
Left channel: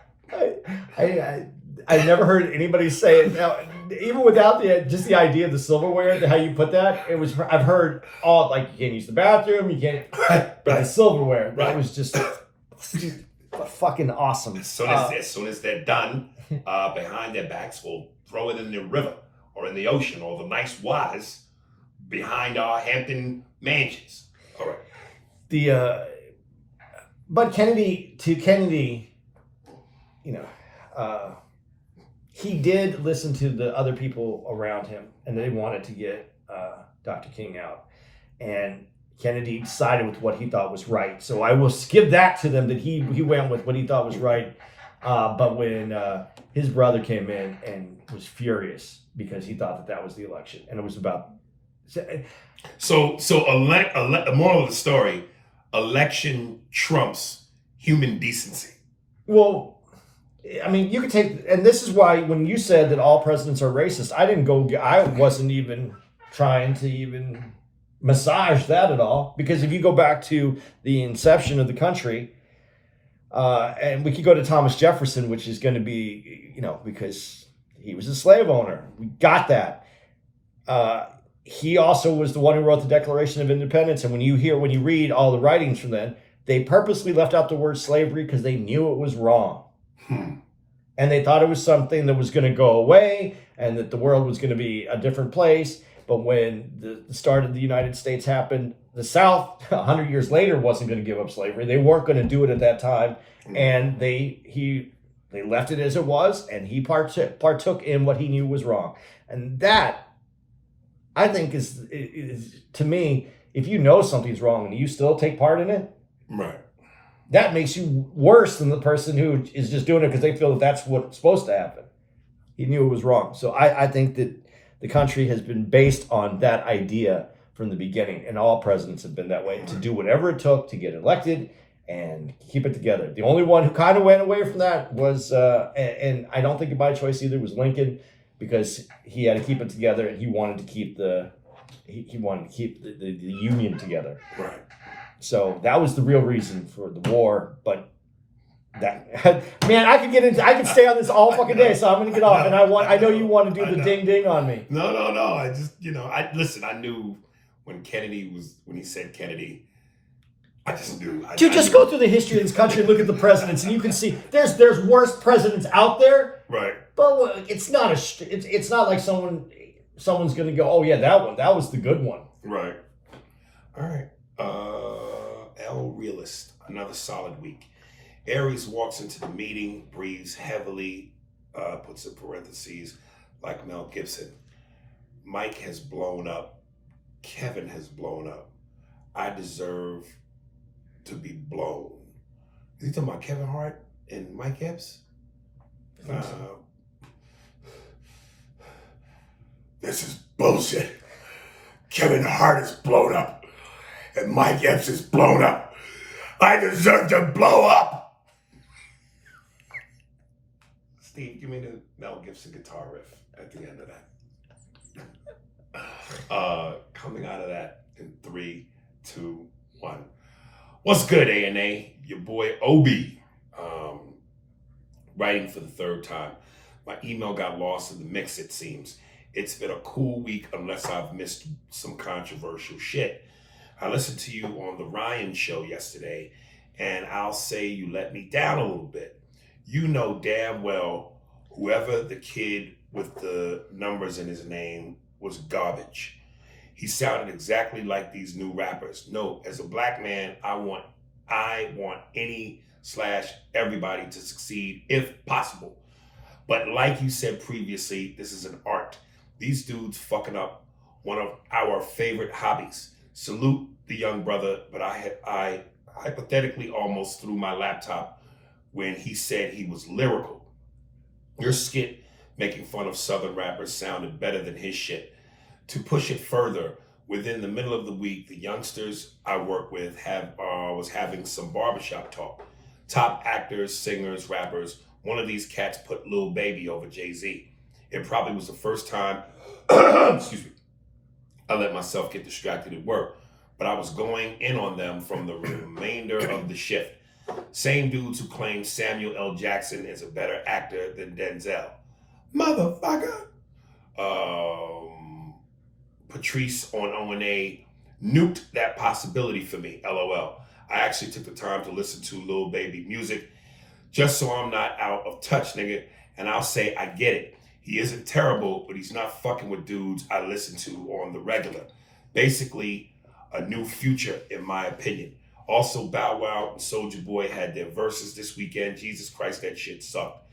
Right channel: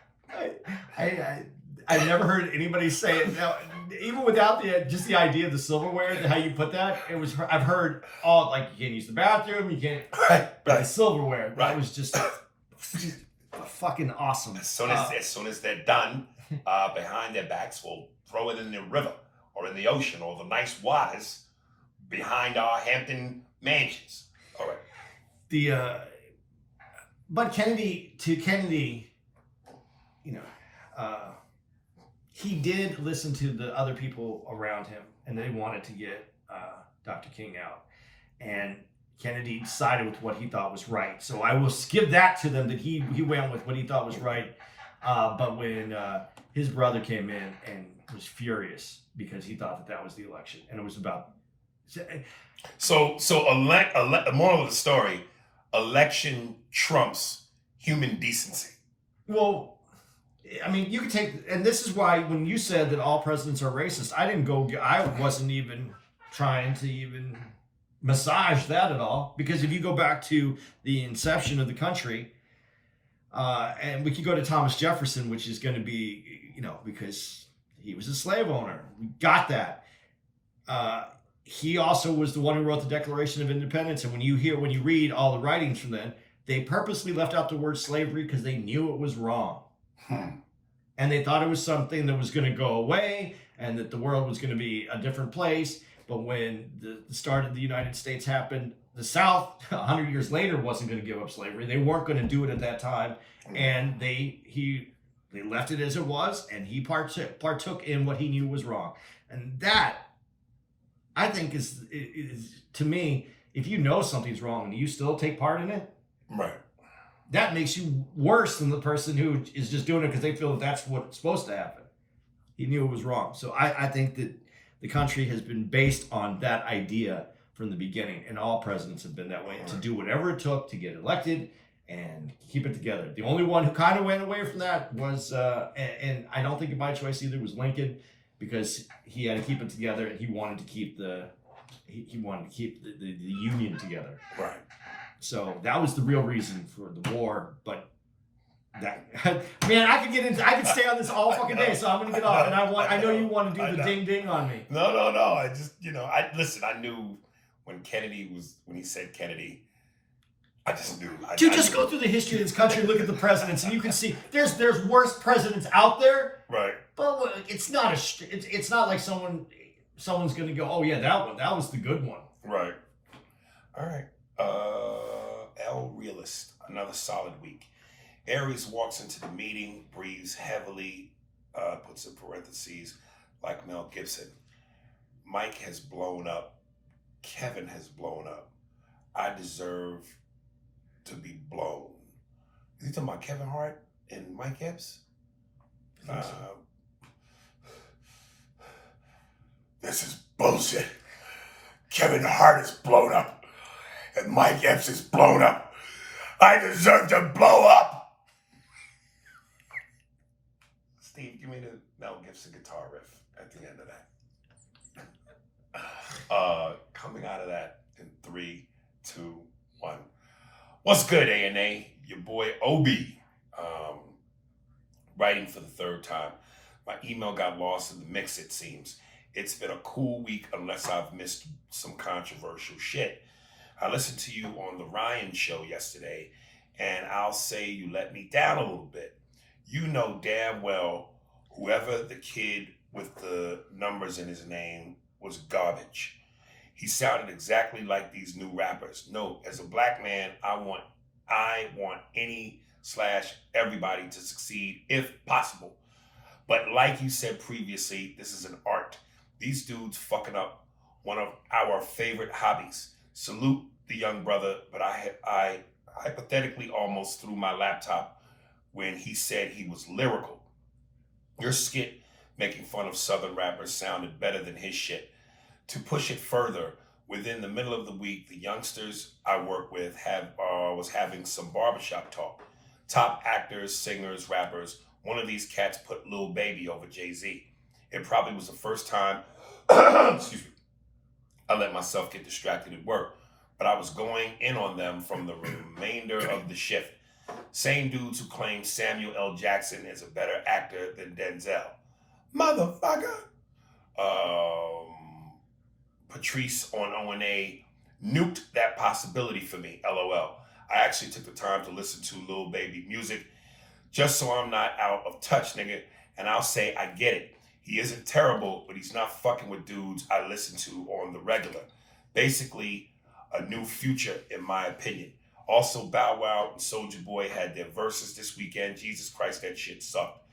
I've never heard anybody say it. Now, even without just the idea of the silverware, how you put that, I've heard all, like, you can't use the bathroom, you can't, but the silverware, it was just fucking awesome. As soon as they're done, behind their backs, we'll throw it in the river or in the ocean or the nice waters behind our Hampton mansions. All right. But Kennedy, he did listen to the other people around him, and they wanted to get Dr. King out. And Kennedy sided with what he thought was right. So I will give that to them, that he went with what he thought was right. But when his brother came in and was furious because he thought that was the election, and it was about. So moral of the story: election trumps human decency. Well, I mean, you could take, and this is why when you said that all presidents are racist, I wasn't even trying to even massage that at all, because if you go back to the inception of the country, and we could go to Thomas Jefferson, which is going to be, because he was a slave owner. We got that. He also was the one who wrote the Declaration of Independence. And when you read all the writings from then, they purposely left out the word slavery because they knew it was wrong. And they thought it was something that was going to go away and that the world was going to be a different place. But when the start of the United States happened, the South, 100 years later, wasn't going to give up slavery. They weren't going to do it at that time. And they left it as it was, and he partook in what he knew was wrong. And that, I think, is to me, if you know something's wrong and you still take part in it, right, that makes you worse than the person who is just doing it because they feel that that's what's supposed to happen. He knew it was wrong. So I think that the country has been based on that idea from the beginning, and all presidents have been that way, to do whatever it took to get elected and keep it together. The only one who kind of went away from that was, and I don't think by choice either, was Lincoln, because he had to keep it together and he wanted to keep the Union together. Right. So that was the real reason for the war. But that, man, I could stay on this all fucking day. So I'm gonna get off. And I know you want to do the ding ding on me. No. I just, I knew when he said Kennedy, I just knew. Just go through the history of this country and look at the presidents, and you can see there's worse presidents out there. Right. But it's not it's not like someone's gonna go, oh yeah, that was the good one. Right. All right. L Realist, another solid week. Aries walks into the meeting, breathes heavily, puts in parentheses, like Mel Gibson. Mike has blown up. Kevin has blown up. I deserve to be blown. Is he talking about Kevin Hart and Mike Epps? This is bullshit. Kevin Hart is blown up, and Mike Epps is blown up. I deserve to blow up. Steve, give me the Mel Gibson guitar riff at the end of that. Coming out of that in 3, 2, 1. What's good, A&A? Your boy Obi, writing for the third time. My email got lost in the mix, it seems. It's been a cool week unless I've missed some controversial shit. I listened to you on the Ryan show yesterday, and I'll say you let me down a little bit. You know damn well whoever the kid with the numbers in his name was garbage. He sounded exactly like these new rappers. No, as a black man, I want any/everybody to succeed if possible. But like you said previously, this is an art. These dudes fucking up one of our favorite hobbies. Salute the young brother, but I hypothetically almost threw my laptop when he said he was lyrical. Your skit making fun of Southern rappers sounded better than his shit. To push it further, within the middle of the week, the youngsters I work with was having some barbershop talk. Top actors, singers, rappers. One of these cats put Lil Baby over Jay-Z. It probably was the first time, excuse me, I let myself get distracted at work, but I was going in on them from the remainder of the shift. Same dudes who claim Samuel L. Jackson is a better actor than Denzel. Motherfucker. Patrice on O&A nuked that possibility for me, LOL. I actually took the time to listen to Lil Baby music just so I'm not out of touch, nigga. And I'll say I get it. He isn't terrible, but he's not fucking with dudes I listen to on the regular. Basically, a new Future, in my opinion. Also, Bow Wow and Soulja Boy had their verses this weekend. Jesus Christ, that shit sucked.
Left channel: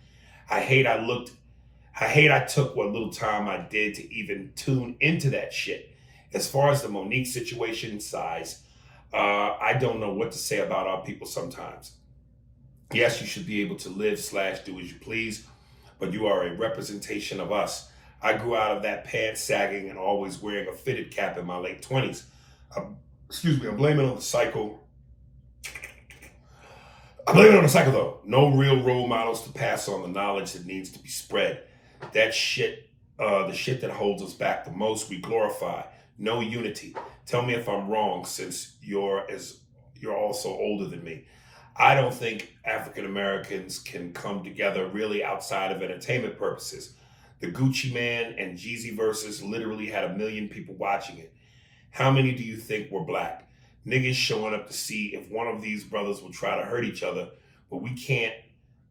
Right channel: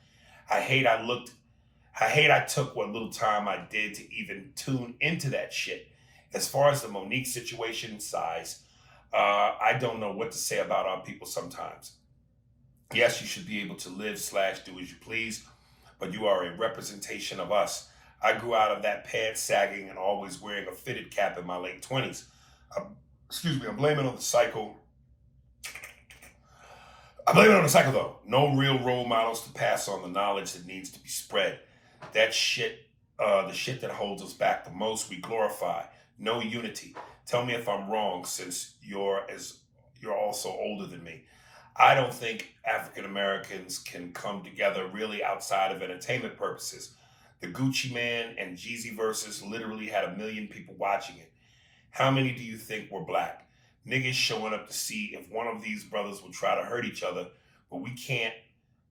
I hate I took what little time I did to even tune into that shit. As far as the Monique situation, size, I don't know what to say about our people sometimes. Yes, you should be able to live/do as you please, but you are a representation of us. I grew out of that pants sagging and always wearing a fitted cap in my late 20s. I'm blaming on the cycle. I blame it on the cycle though. No real role models to pass on the knowledge that needs to be spread. That shit, the shit that holds us back the most, we glorify. No unity. Tell me if I'm wrong, since you're also older than me. I don't think African Americans can come together really outside of entertainment purposes. The Gucci Man and Jeezy verses literally had 1 million people watching it. How many do you think were black? Niggas showing up to see if one of these brothers will try to hurt each other, but we can't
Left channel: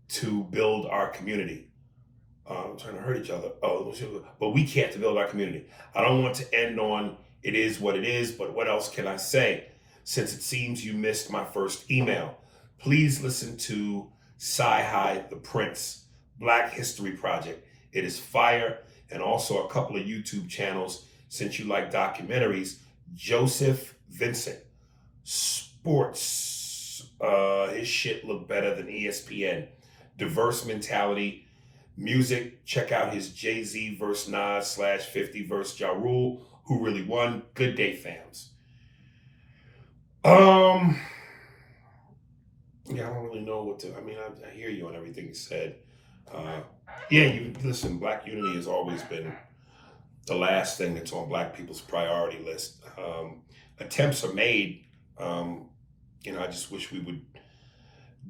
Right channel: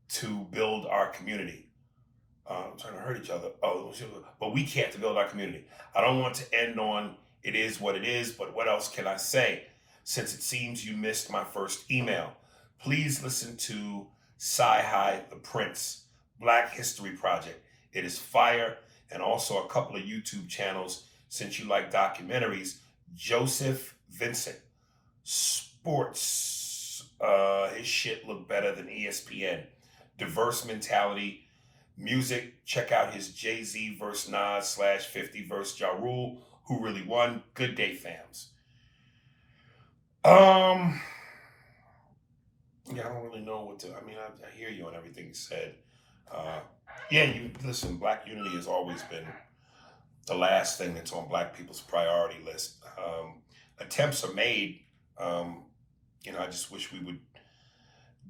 to build our community. Trying to hurt each other. Oh, but we can't to build our community. I don't want to end on it is what it is, but what else can I say? Since it seems you missed my first email, please listen to Sci-Hi the Prince, Black History Project. It is fire, and also a couple of YouTube channels since you like documentaries. Joseph Vincent, sports. His shit look better than ESPN. Diverse mentality. Music, check out his Jay-Z versus Nas /50 versus Ja Rule. Who really won? Good day, fams. Yeah, I don't really know what to. I mean, I hear you on everything you said. Yeah, you listen. Black unity has always been the last thing that's on Black people's priority list. Attempts are made. I just wish we would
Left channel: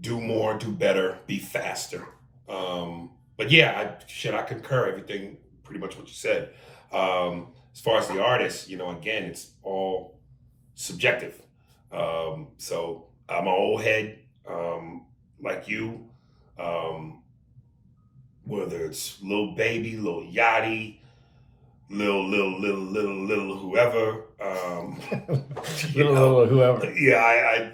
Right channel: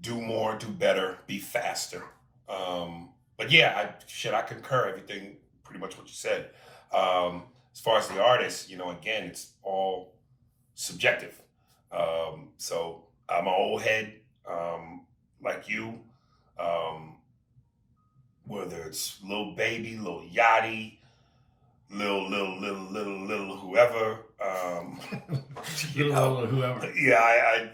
do more, do better, be faster. But yeah, I concur everything pretty much what you said. As far as the artist, again, it's all subjective. So I'm an old head, like you. Whether it's Lil Baby, Lil Yachty, little whoever. Little whoever. Yeah,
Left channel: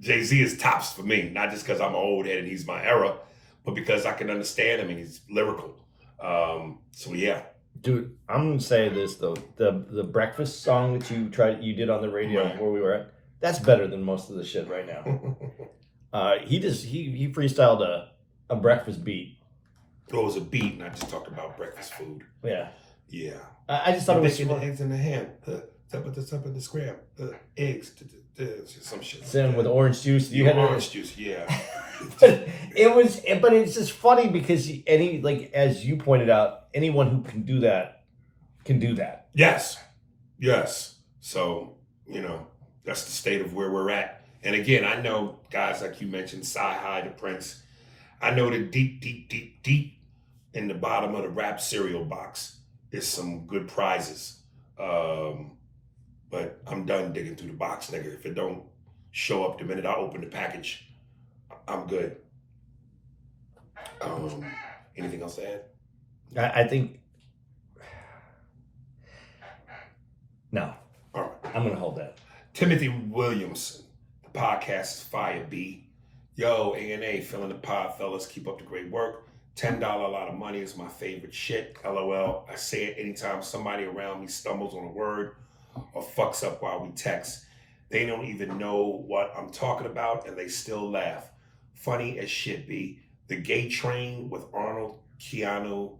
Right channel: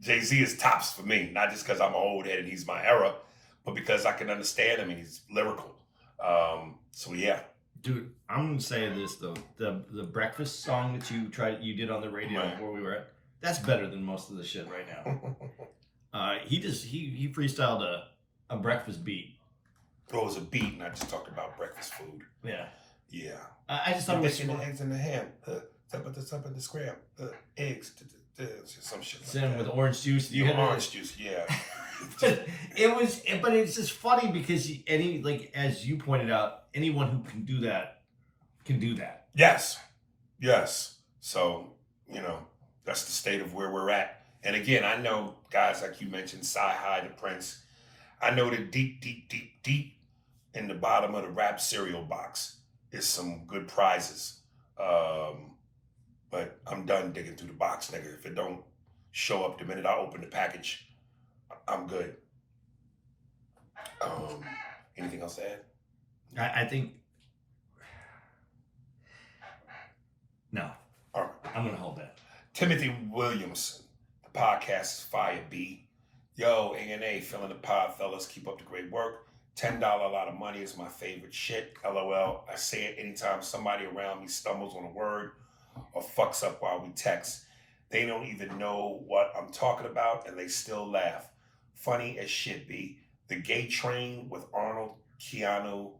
Jay-Z is tops for me, not just because I'm an old head and he's my era, but because I can understand him and he's lyrical. So yeah. Dude, I'm gonna say this though: the breakfast song that you did on the radio Right. where we were at, that's better than most of the shit right now. He freestyled a breakfast beat. Well, it was a beat, and I just talked about breakfast food. Yeah, Yeah. I just thought it was the eggs in the ham, top of the scram, eggs, some shit. Same with orange juice. You had orange juice, yeah. but it's just funny because as you pointed out, anyone who can do that can do that. Yes. So that's the state of where we're at. And again, I know guys like you mentioned, Sci-Hi the Prince. I know that deep in the bottom of the rap cereal box is some good prizes. But I'm done digging through the box, nigga. If it don't show up the minute I open the package, I'm good. Anything else to add? I think no. All right. I'm gonna hold that. Timothy Williamson, the podcast is Fire B. Yo, A&A, feeling the pod, fellas. Keep up the great work. $10 a lot of money is my favorite shit. LOL. I say it anytime somebody around me stumbles on a word or fucks up while we text. They don't even know what I'm talking about and they still laugh. Funny as shit, B. The Gay Train with Arnold, Keanu,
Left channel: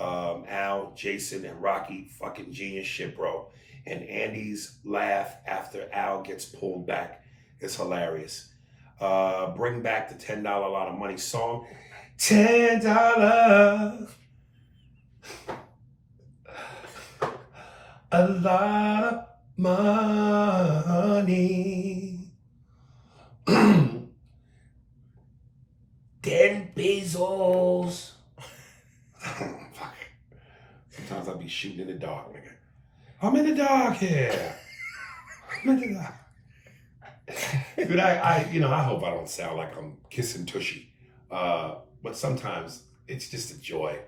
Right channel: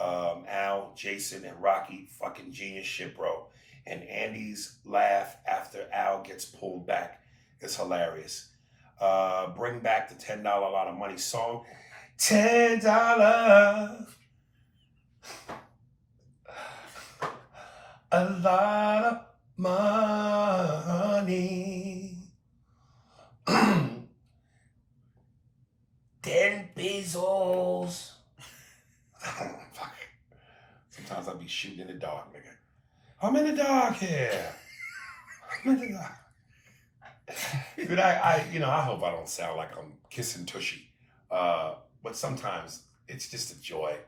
Al, Jason, and Rocky. Fucking genius shit, bro. And Andy's laugh after Al gets pulled back is hilarious. Bring back the $10 a lot of money song. $10 a lot of money. 10 pesos. Fuck. Sometimes I'll be shooting in the dark, nigga. I'm in the dark here. I'm in the dark. Dude, I hope I don't sound like I'm kissing Tushy. But sometimes it's just a joy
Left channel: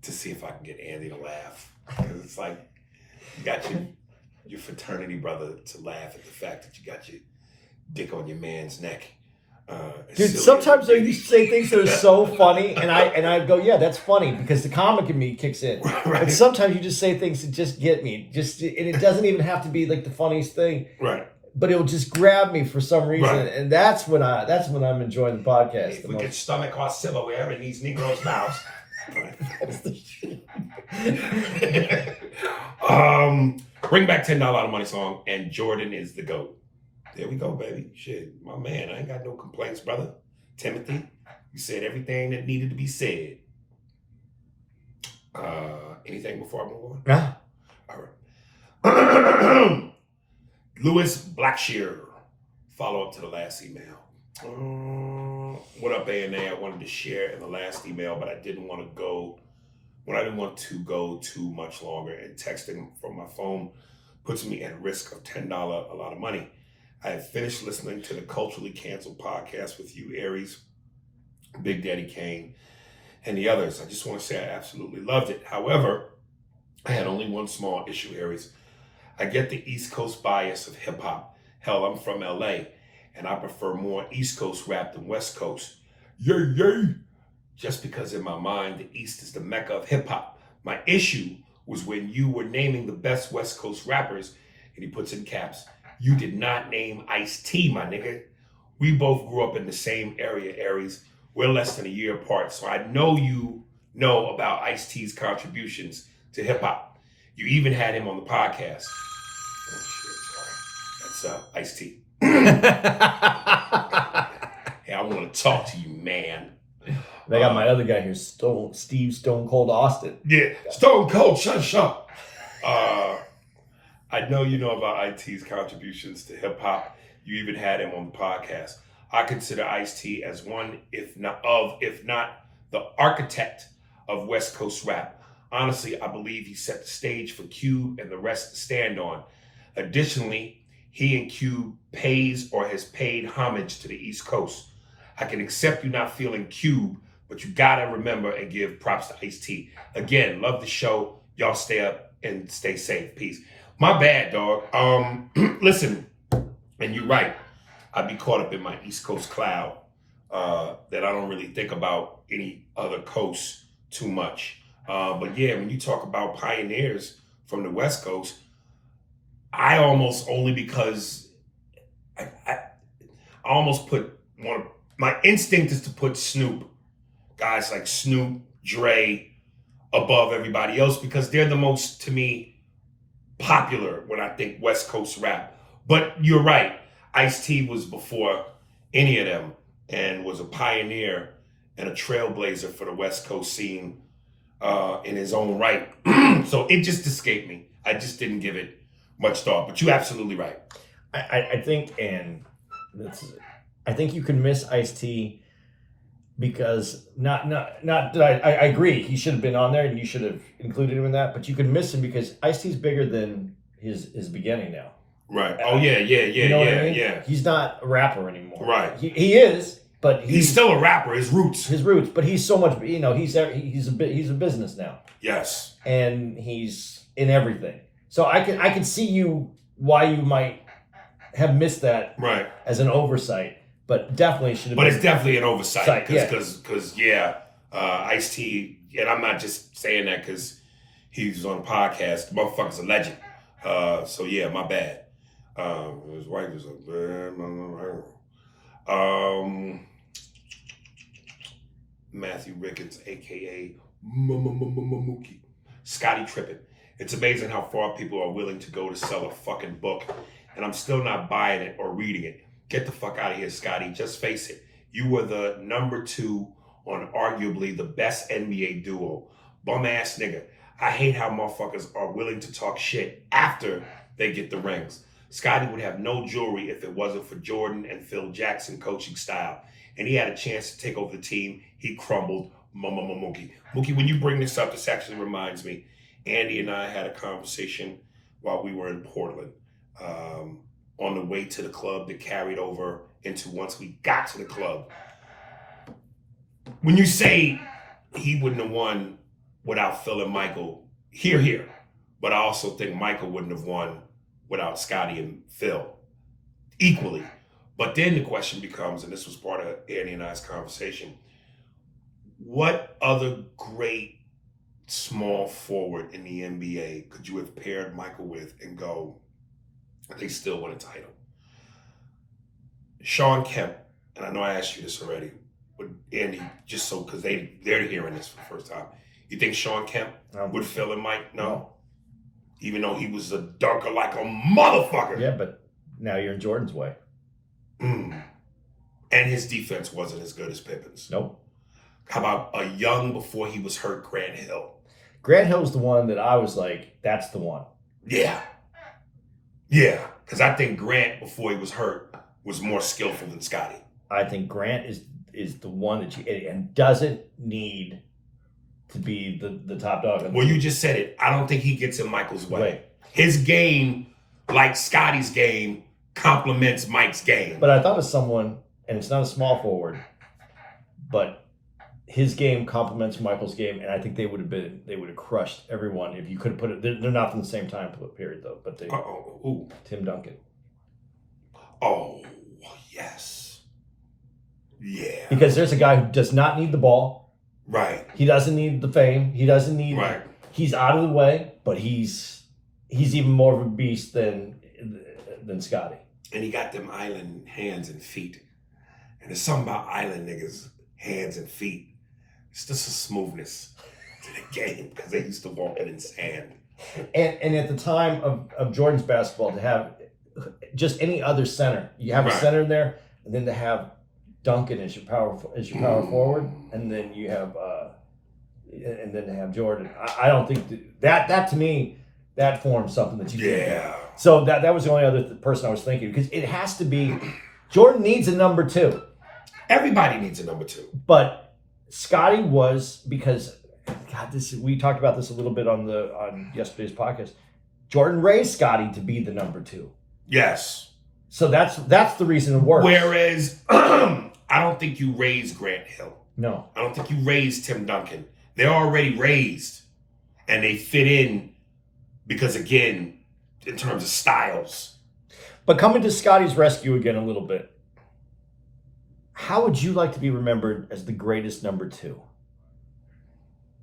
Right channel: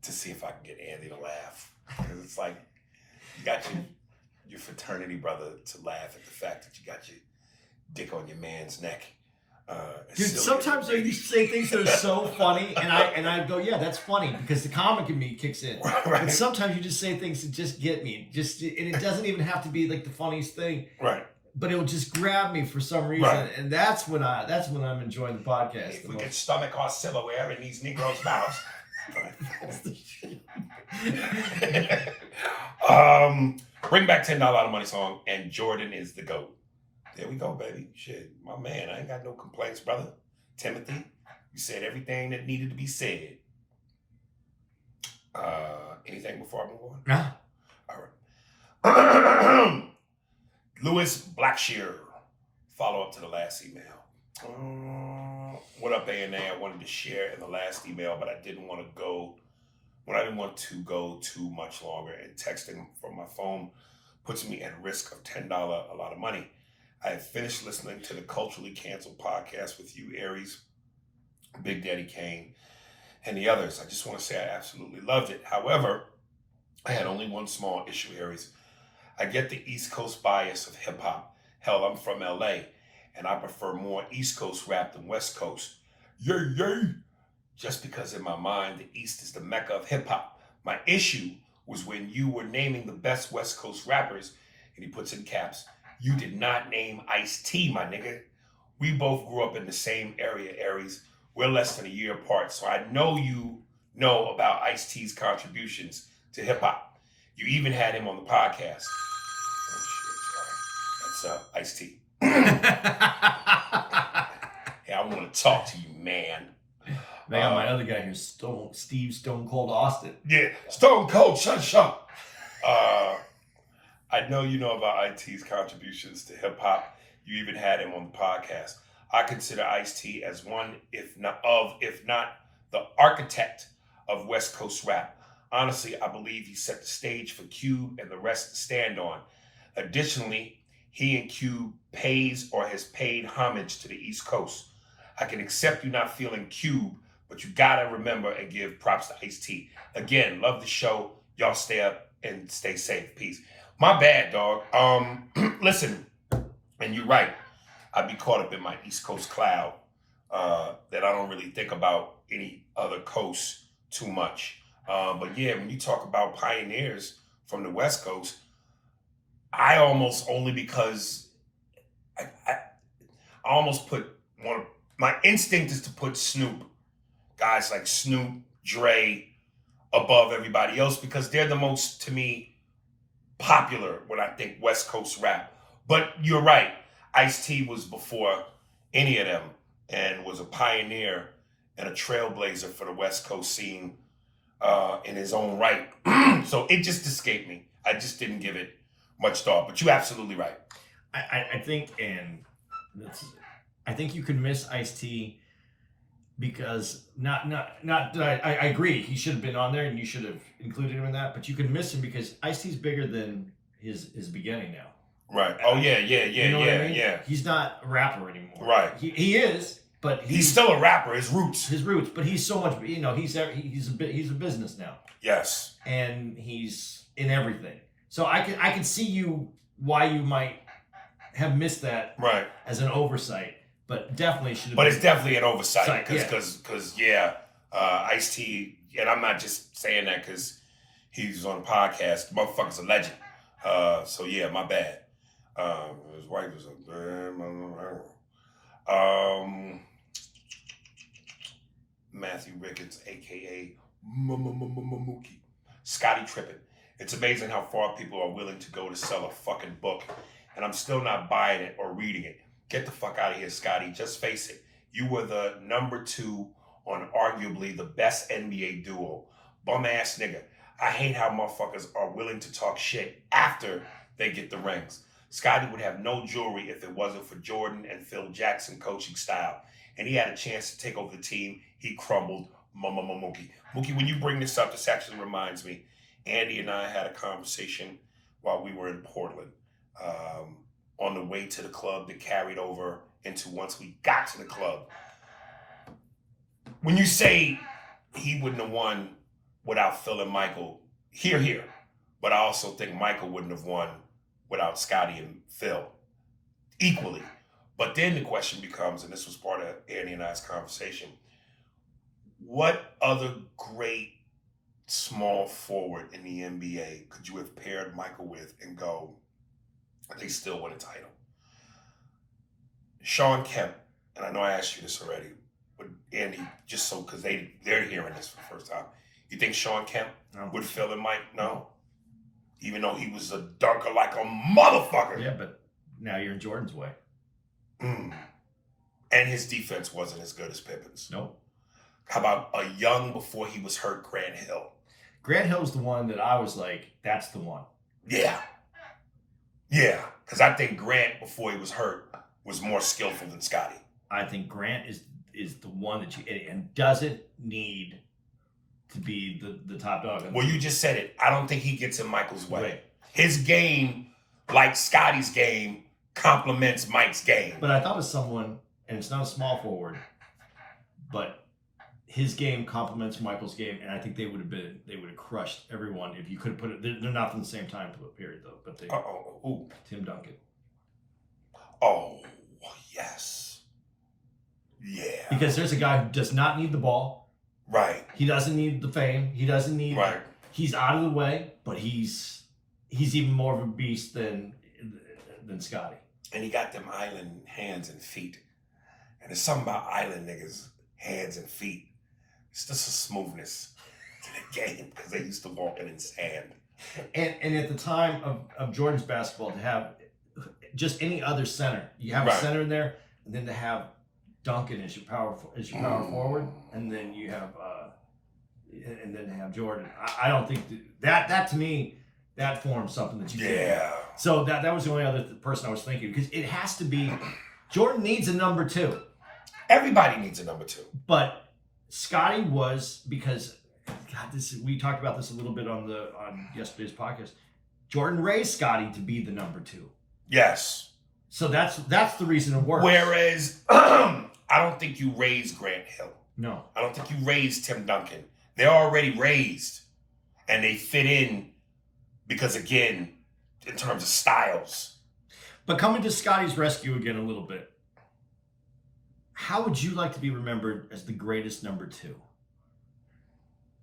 to see if I can get Andy to laugh. Because it's like, you got your fraternity brother to laugh at the fact that you got your dick on your man's neck. Dude, sometimes you say things that are so funny, and I go, yeah, that's funny, because the comic in me kicks in. Right. But sometimes you just say things that just get me, and it doesn't even have to be like the funniest thing. Right. but it'll just grab me for some reason, Right. and that's when I'm enjoying the podcast. If the we most. could stomach our silverware in these Negroes' mouths. Bring back $10 out of money song, and Jordan is the GOAT. There we go, baby. Shit, my man, I ain't got no complaints, brother. Timothy, you said everything that needed to be said. Anything before I move on? Ah. All right. Lewis Blackshear, follow up to the last email. What up, A&A? I wanted to share in the last email, but I didn't want to go too much longer, and texting from my phone puts me at risk of $10, a lot of money. I have finished listening to the Culturally Canceled podcast with you, Aries, Big Daddy Kane, and the others. I just want to say I absolutely loved it. However, I had only one small issue, Aries. I get the East Coast bias of hip hop. Hell, I'm from LA, and I prefer more East Coast rap than West Coast. Yay, yay! Just because in my mind, the East is the mecca of hip hop. My issue was when you were naming the best West Coast rappers, and he puts in caps, you did not name Ice-T, my nigga. We both grew up in the same area, Aries. We're less than a year apart, so I know you know about Ice-T's contributions to hip hop. You even had him on the podcast. Oh shit, sorry. That's Ice-T. Hey, I want to talk to you, man. They got my other guy here, Steve Stone Cold Austin. Yeah, Stone Cold, shut up. I know you know about Ice-T's contributions to hip hop. You even had him on the podcast. I consider Ice-T as one, if not the architect of West Coast rap. Honestly, I believe he set the stage for Cube and the rest to stand on. Additionally, he and Cube pays or has paid homage to the East Coast. I can accept you not feeling Cube, but you gotta remember and give props to Ice-T. Again, love the show. Y'all stay up and stay safe. Peace. My bad, dog. Listen, and you're right. I'd be caught up in my East Coast cloud that I don't really think about any other coast too much. But yeah, when you talk about pioneers from the West Coast, I almost only because I almost put my instinct is to put Snoop, guys like Snoop, Dre, above everybody else because they're the most, to me, popular when I think West Coast rap. But you're right, Ice-T was before any of them and was a pioneer and a trailblazer for the West Coast scene in his own right. So it just escaped me. I just didn't give it much thought, but you're absolutely right. I think, and I think you can miss Ice-T because I agree he should have been on there and you should have included him in that, but you can miss him because Ice-T's bigger than his beginning now. Right. Oh yeah. You know what I mean? Yeah. He's not a rapper anymore. Right. He is, but he's still a rapper. His roots, but he's so much. You know, he's a business now. Yes. And he's in everything. So I can see why you might have missed that right as an oversight, but definitely should have. But it's definitely an oversight because Ice-T, and I'm not just saying that because he's on a podcast. The motherfucker's a legend. So yeah, my bad. His wife was Matthew Ricketts, aka Mookie. Scotty tripping. It's amazing how far people are willing to go to sell a fucking book, and I'm still not buying it or reading it. Get the fuck out of here, Scotty. Just face it. You were the number 2 on arguably the best NBA duo. Bum ass nigga. I hate how motherfuckers are willing to talk shit after they get the rings. Scotty would have no jewelry if it wasn't for Jordan and Phil Jackson coaching style. And he had a chance to take over the team. He crumbled. Mookie. Mookie, when you bring this up, this actually reminds me. Andy and I had a conversation while we were in Portland on the way to the club that carried over into once we got to the club. When you say he wouldn't have won without Phil and Michael, here. But I also think Michael wouldn't have won without Scotty and Phil equally. But then the question becomes, and this was part of Andy and I's conversation, what other great small forward in the NBA could you have paired Michael with and go, they still win a title? Sean Kemp, and I know I asked you this already, but Andy, just so because they're hearing this for the first time, you think Sean Kemp would fill in Mike? No. Even though he was a dunker like a motherfucker. Yeah, but now you're in Jordan's way. And his defense wasn't as good as Pippen's. Nope. How about a young, before he was hurt, Grant Hill? Grant Hill was the one that I was like, that's the one. Yeah. Yeah. Because I think Grant, before he was hurt, was more skillful than Scotty. I think Grant is the one that and doesn't need to be the top dog. Well, you just said it. I don't think he gets in Michael's way. Right. His game, like Scotty's game, complements Mike's game. But I thought it was someone, and it's not a small forward, but his game complements Michael's game, and I think they would have crushed everyone if you could have put it. They're not from the same time period though, but Tim Duncan. Oh yes, yeah. Because there's a guy who does not need the ball. Right. He doesn't need the fame. He doesn't need. Right. He's out of the way, but he's even more of a beast than Scotty. And he got them island hands and feet. And there's something about island niggas' hands and feet. It's just a smoothness to the game because they used to walk in sand. And at the time of Jordan's basketball, to have just any other center, you have a center there, and then to have Duncan as your power forward, and then you have and then to have Jordan. I don't think that to me that forms something that you yeah. So that was the only other person I was thinking, because it has to be Jordan needs a number two. Everybody needs a number two. But Scotty was, because God, we talked about this a little bit on yesterday's podcast. Jordan raised Scotty to be the number two. Yes. So that's the reason it works. Whereas I don't think you raised Grant Hill. No. I don't think you raised Tim Duncan. They're already raised, and they fit in because, again, in terms of styles. But coming to Scotty's rescue again a little bit, how would you like to be remembered as the greatest number two?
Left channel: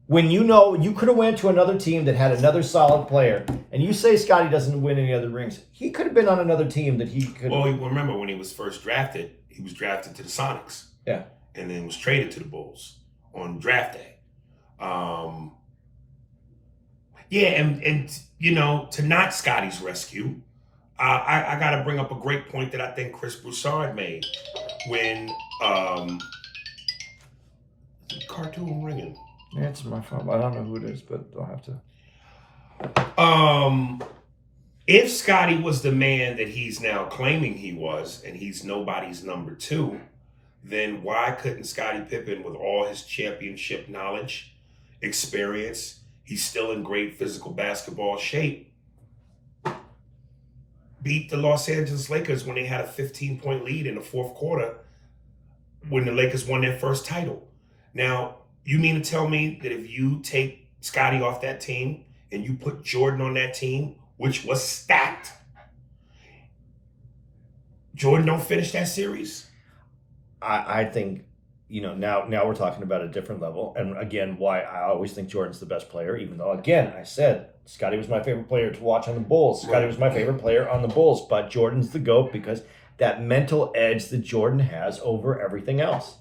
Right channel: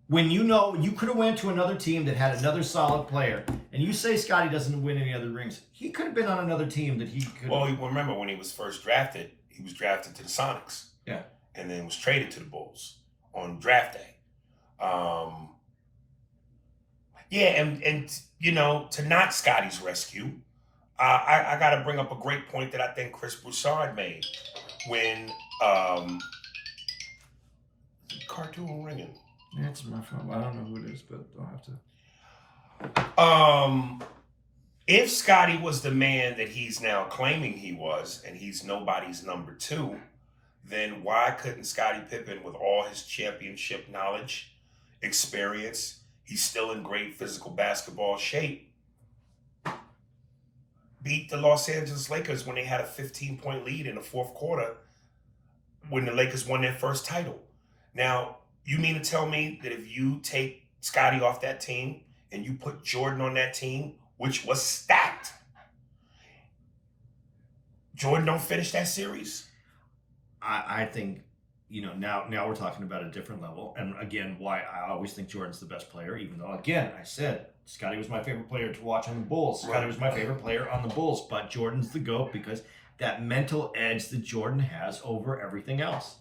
When you know you could have went to another team that had another solid player, and you say Scotty doesn't win any other rings, he could have been on another team that he could. Well, remember when he was first drafted, he was drafted to the Sonics. Yeah. And then was traded to the Bulls on draft day. And you know, to not Scotty's rescue, I got to bring up a great point that I think Chris Broussard made when cartoon ringing. Yeah, it's my phone. I don't know who it is, but I'll have to. If Scotty was the man that he's now claiming he was, and he's nobody's number two, then why couldn't Scottie Pippen, with all his championship knowledge, experience, he's still in great physical basketball shape, beat the Los Angeles Lakers when they had a 15-point lead in the fourth quarter when the Lakers won their first title? Now, you mean to tell me that if you take Scotty off that team and you put Jordan on that team, which was stacked, Jordan don't finish that series? I think, now we're talking about a different level. And again, why I always think Jordan's the best player, even though, again, I said Scotty was my favorite player to watch on the Bulls. Scotty was my favorite player on the Bulls, but Jordan's the GOAT because that mental edge that Jordan has over everything else.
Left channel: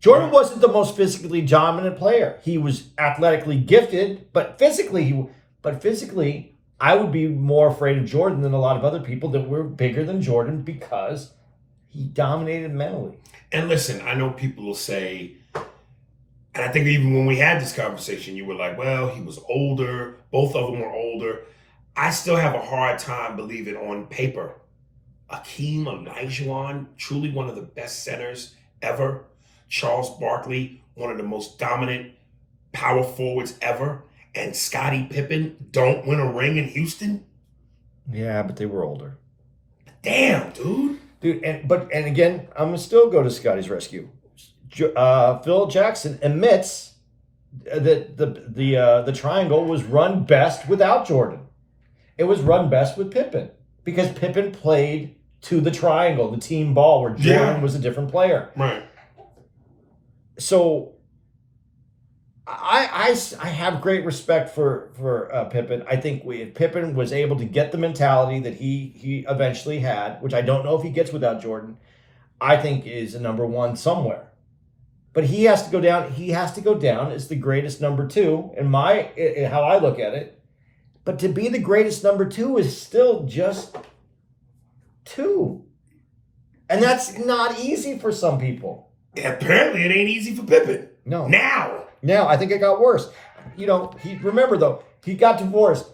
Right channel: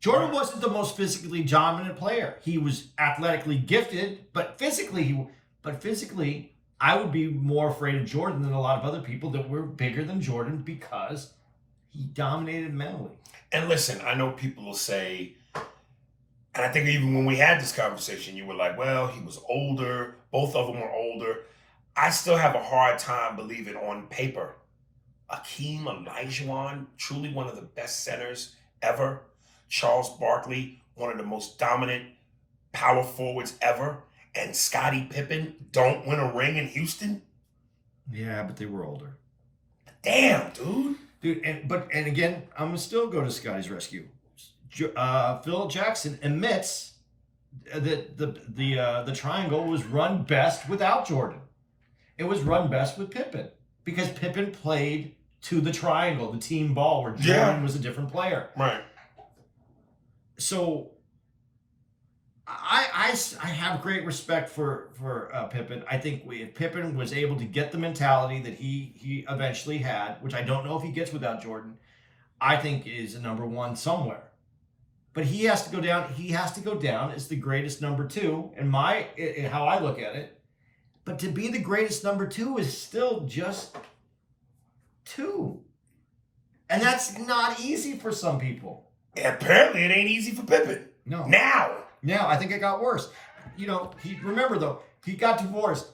Jordan wasn't the most physically dominant player. He was athletically gifted, but physically, I would be more afraid of Jordan than a lot of other people that were bigger than Jordan because he dominated mentally. And listen, I know people will say, and I think even when we had this conversation, you were like, well, he was older. Both of them were older. I still have a hard time believing on paper Akeem Olajuwon, truly one of the best centers ever. Charles Barkley, one of the most dominant power forwards ever. And Scottie Pippen don't win a ring in Houston? Yeah, but they were older. Damn, dude. And again, I'm gonna still go to Scotty's rescue. Phil Jackson admits that the triangle was run best without Jordan. It was run best with Pippen because Pippen played to the triangle, the team ball, where Jordan was a different player. Right. So I have great respect for Pippen. I think Pippen was able to get the mentality that he eventually had, which I don't know if he gets without Jordan. I think is a number one somewhere. But he has to go down. He has to go down as the greatest number two in how I look at it. But to be the greatest number two is still just two. And that's not easy for some people. Apparently, it ain't easy for Pippen. No. Now, I think it got worse. Remember though, he got divorced.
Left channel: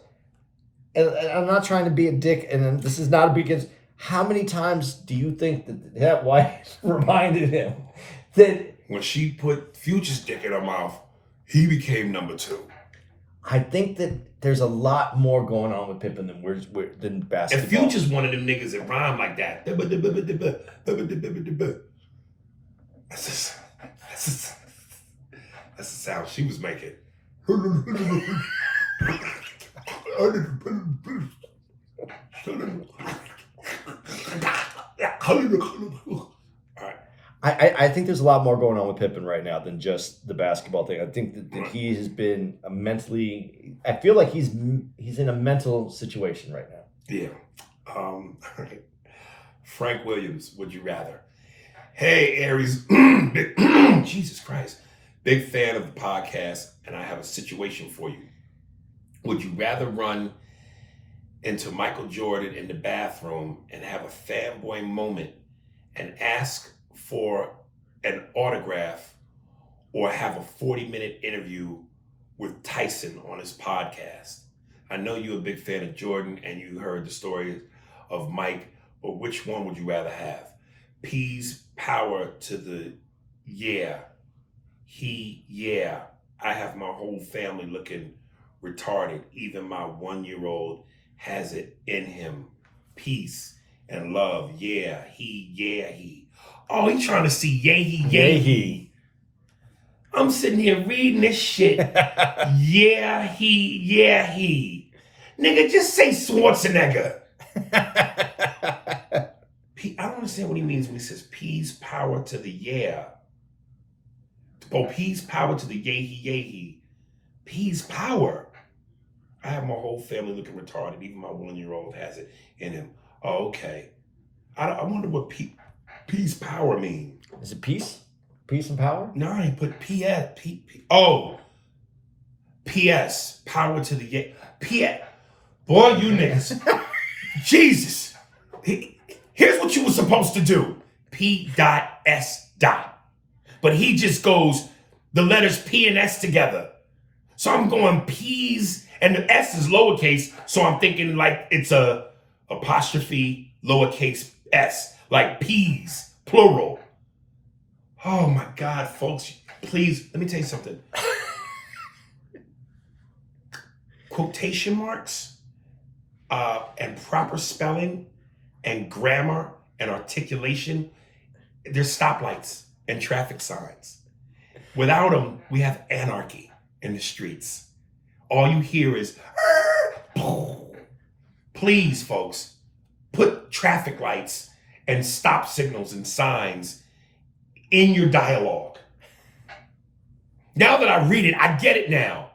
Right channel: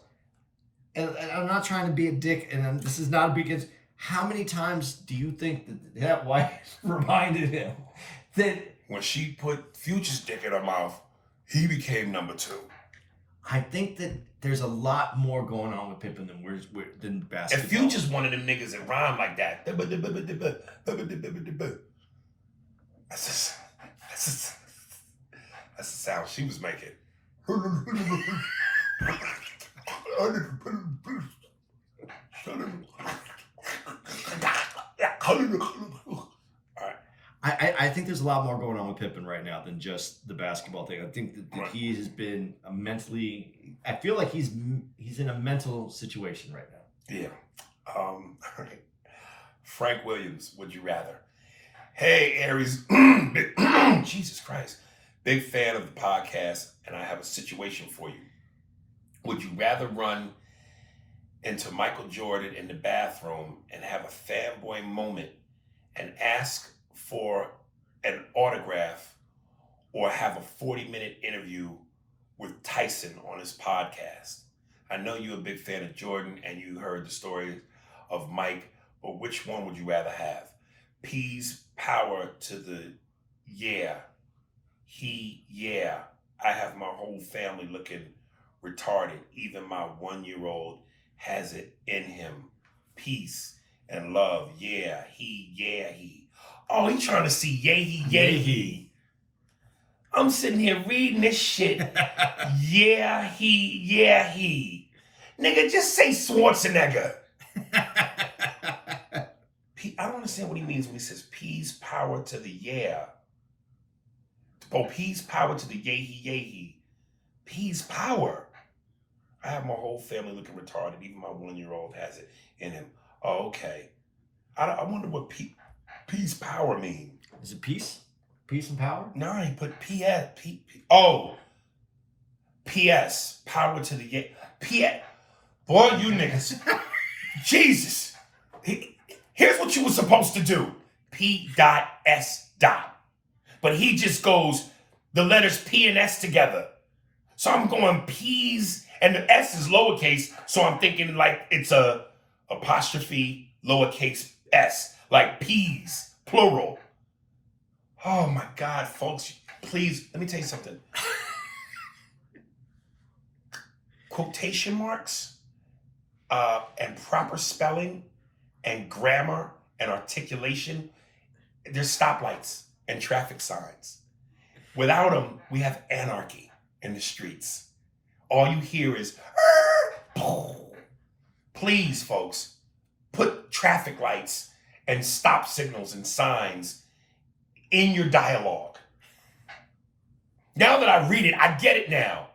And I'm not trying to be a dick, and this is not a big against. How many times do you think that wife reminded him that when she put Future's dick in her mouth, he became number two? I think that there's a lot more going on with Pippen than basketball. And Future's one of them niggas that rhyme like that. That's the sound she was making. I think there's a lot more going on with Pippen right now than just the basketball thing. I think that he has been I feel like he's in a mental situation right now. Yeah. Frank Williams, would you rather? Hey, Aries. Jesus Christ. Big fan of the podcast, and I have a situation for you. Would you rather run into Michael Jordan in the bathroom and have a fanboy moment and ask for an autograph, or have a 40-minute interview with Tyson on his podcast? I know you're a big fan of Jordan and you heard the story of Mike, but which one would you rather have? Peace, power to the I have my whole family looking retarded. Even my 1-year-old has it in him. Peace and love. He. Oh, he's trying to see he. I'm sitting here reading this shit. He. Nigga, just say Schwarzenegger. I don't understand what he means when he says peace, power to the yeah. Oh, peace, power to the he. Peace, power. I have my whole family looking retarded. Even my 1-year-old has it in him. Oh, okay. I wonder what peace, power mean. Is it peace? Peace and power? No, he put PS. Oh. PS. Power to the yeah. PS. Boy, you niggas. Jesus. Here's what you were supposed to do. P.S. But he just goes the letters P and S together. So I'm going P's, and the S is lowercase, so I'm thinking like it's a apostrophe lowercase s, like P's, plural. Oh my God, folks, please, let me tell you something. Quotation marks and proper spelling and grammar and articulation, they're stoplights and traffic signs. Without them, we have anarchy in the streets. All you hear is, please, folks, put traffic lights and stop signals and signs in your dialogue. Now that I read it, I get it now.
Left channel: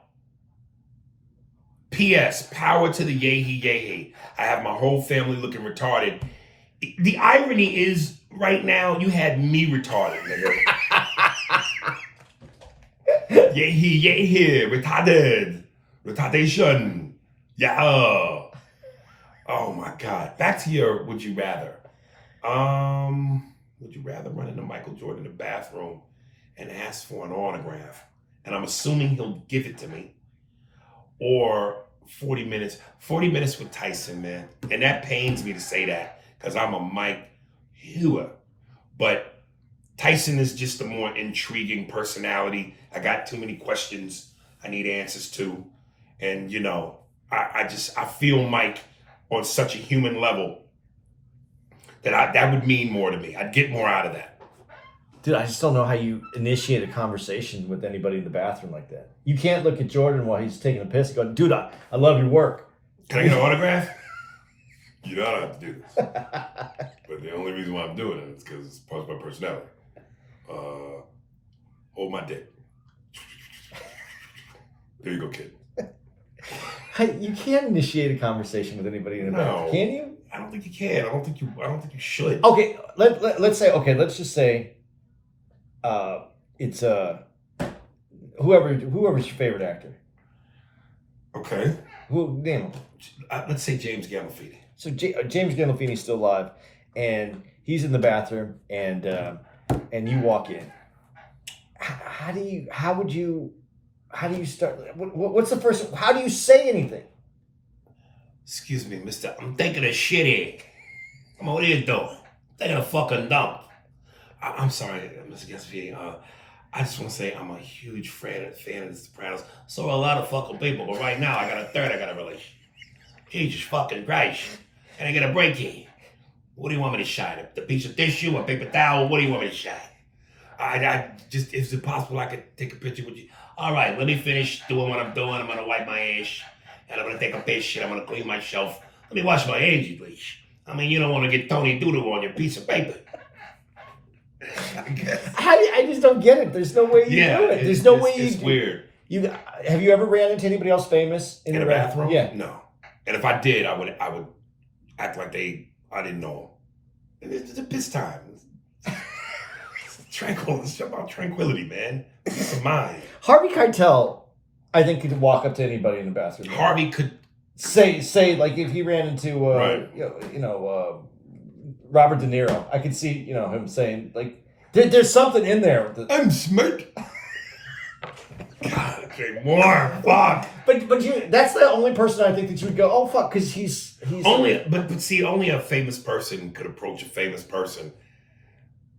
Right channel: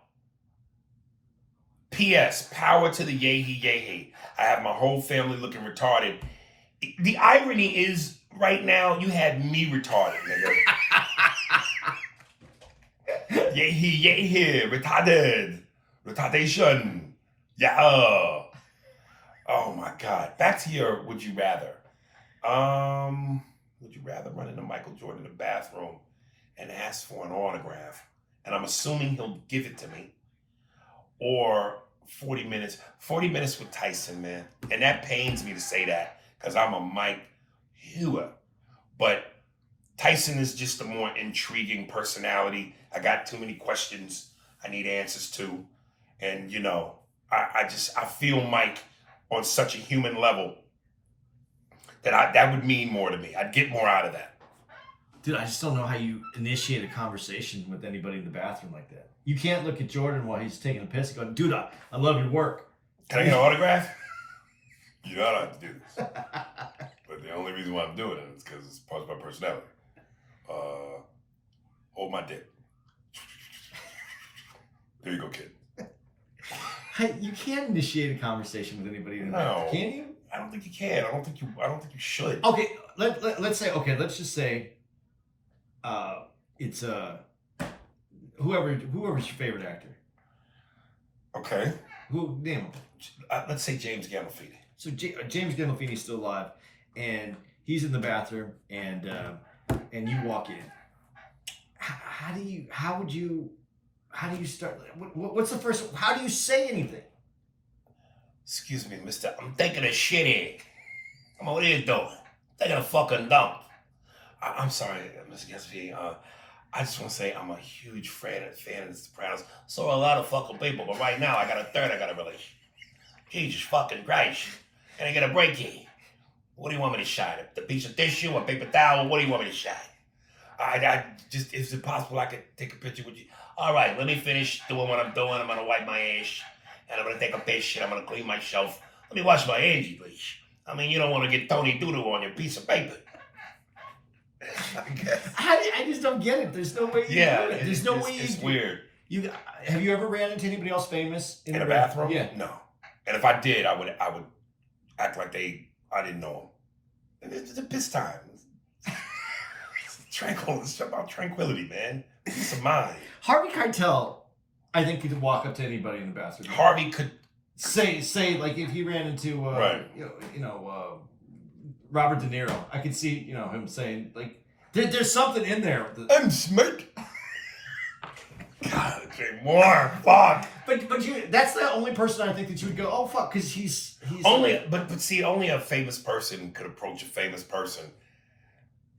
P.S. Power to the yay. I have my whole family looking retarded. The irony is, right now, you had me retarded, nigga. Yay, retarded. Retardation. Yeah. Oh my God. Back to your would you rather. Would you rather run into Michael Jordan in the bathroom and ask for an autograph? And I'm assuming he'll give it to me. Or 40 minutes with Tyson, man. And that pains me to say that because I'm a Mike Hewer. But Tyson is just a more intriguing personality. I got too many questions I need answers to. And, you know, I feel Mike on such a human level that would mean more to me. I'd get more out of that. Dude, I just don't know how you initiate a conversation with anybody in the bathroom like that. You can't look at Jordan while he's taking a piss and go, dude, I love your work. Can I get an autograph? You know I don't have to do this. But the only reason why I'm doing it is because it's part of my personality. Hold my dick. There you go, kid. You can't initiate a conversation with anybody in the bathroom, can you? I don't think you can. I don't think you should. Okay, let's say, okay, let's just say it's whoever's your favorite actor. Okay. Who name him? Let's say James Gandolfini. So James Gandolfini's still alive, and he's in the bathroom, and you walk in. How do you start? What's the first? How do you say anything? Excuse me, mister. I'm taking a shit here. Come on, what are you doing? Taking a fucking dump. I'm sorry, Mr. Gandolfini. I just want to say I'm a huge fan of The Sopranos. So are a lot of fucking people, but right now I got a third I got a relation. Jesus fucking Christ. And I get a break here. What do you want me to shine? The piece of tissue, a paper towel? What do you want me to shine? I just, is it possible I could take a picture with you? All right, let me finish doing what I'm doing. I'm going to wipe my ass, and I'm going to take a piss, and I'm going to clean myself. Let me wash my hands, please. I mean, you don't want to get Tony Doodoo on your piece of paper. I guess. I just don't get it. There's no way you do it. There's no way It's weird. Have you ever ran into anybody else famous in a bathroom? Yeah. No. And if I did, I would act like I didn't know them. It's a piss time. It's about tranquility, man. Peace of mind. Harvey Keitel, I think, could walk up to anybody in the bathroom. Harvey could say like if he ran into Robert De Niro, I could see him saying like there's something in there. I'm smart. God, say more. Fuck. But that's the only person I think that you would go, oh fuck, because he's only. But see, only a famous person could approach a famous person,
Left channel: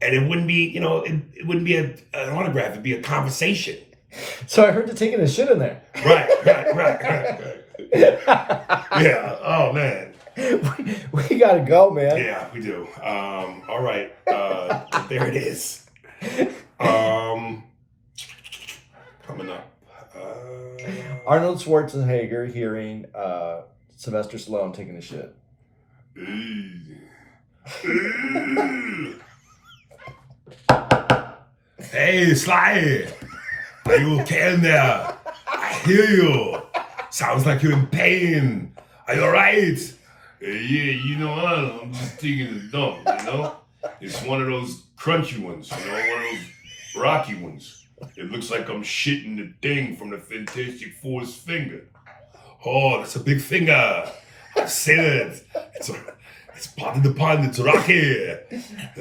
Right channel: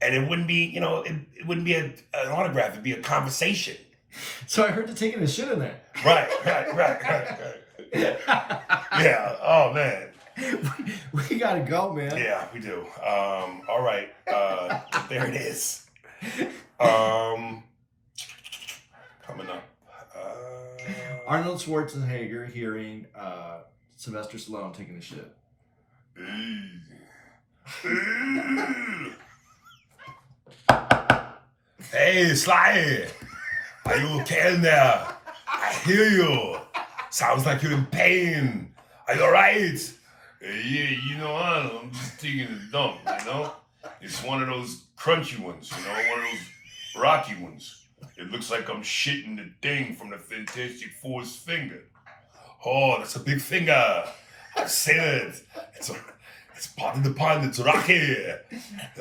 and it wouldn't be it wouldn't be an autograph. It'd be a conversation. So I heard you taking a shit in there. Right. Yeah. Oh man. We gotta go, man. Yeah, we do. All right. There it is. Coming up. Arnold Schwarzenegger hearing Sylvester Stallone taking a shit. Hey, Sly. Are you okay in there? I hear you. Sounds like you're in pain. Are you alright? Yeah, Arnold, I'm just taking a dump, It's one of those crunchy ones, one of those rocky ones. It looks like I'm shitting the thing from the Fantastic Four's finger. Oh, that's a big finger. I've seen it. It's part of the pond. It's rocky.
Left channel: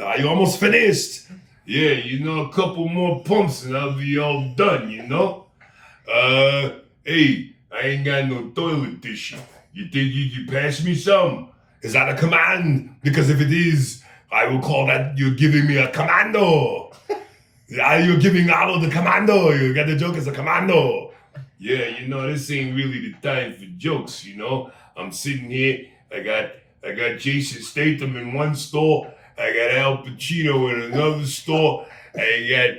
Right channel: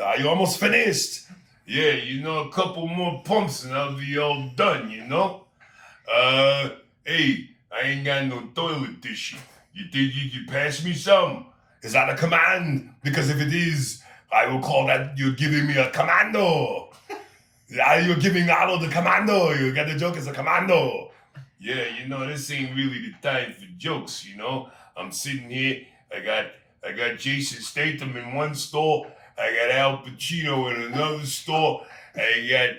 Are you almost finished? Yeah, a couple more pumps and I'll be all done, Hey, I ain't got no toilet tissue. You think you can pass me some? Is that a command? Because if it is, I will call that you're giving me a commando. You're giving Arnold the commando. You got the joke as a commando. Yeah, this ain't really the time for jokes, I'm sitting here. I got Jason Statham in one store. I got Al Pacino in another store. I got,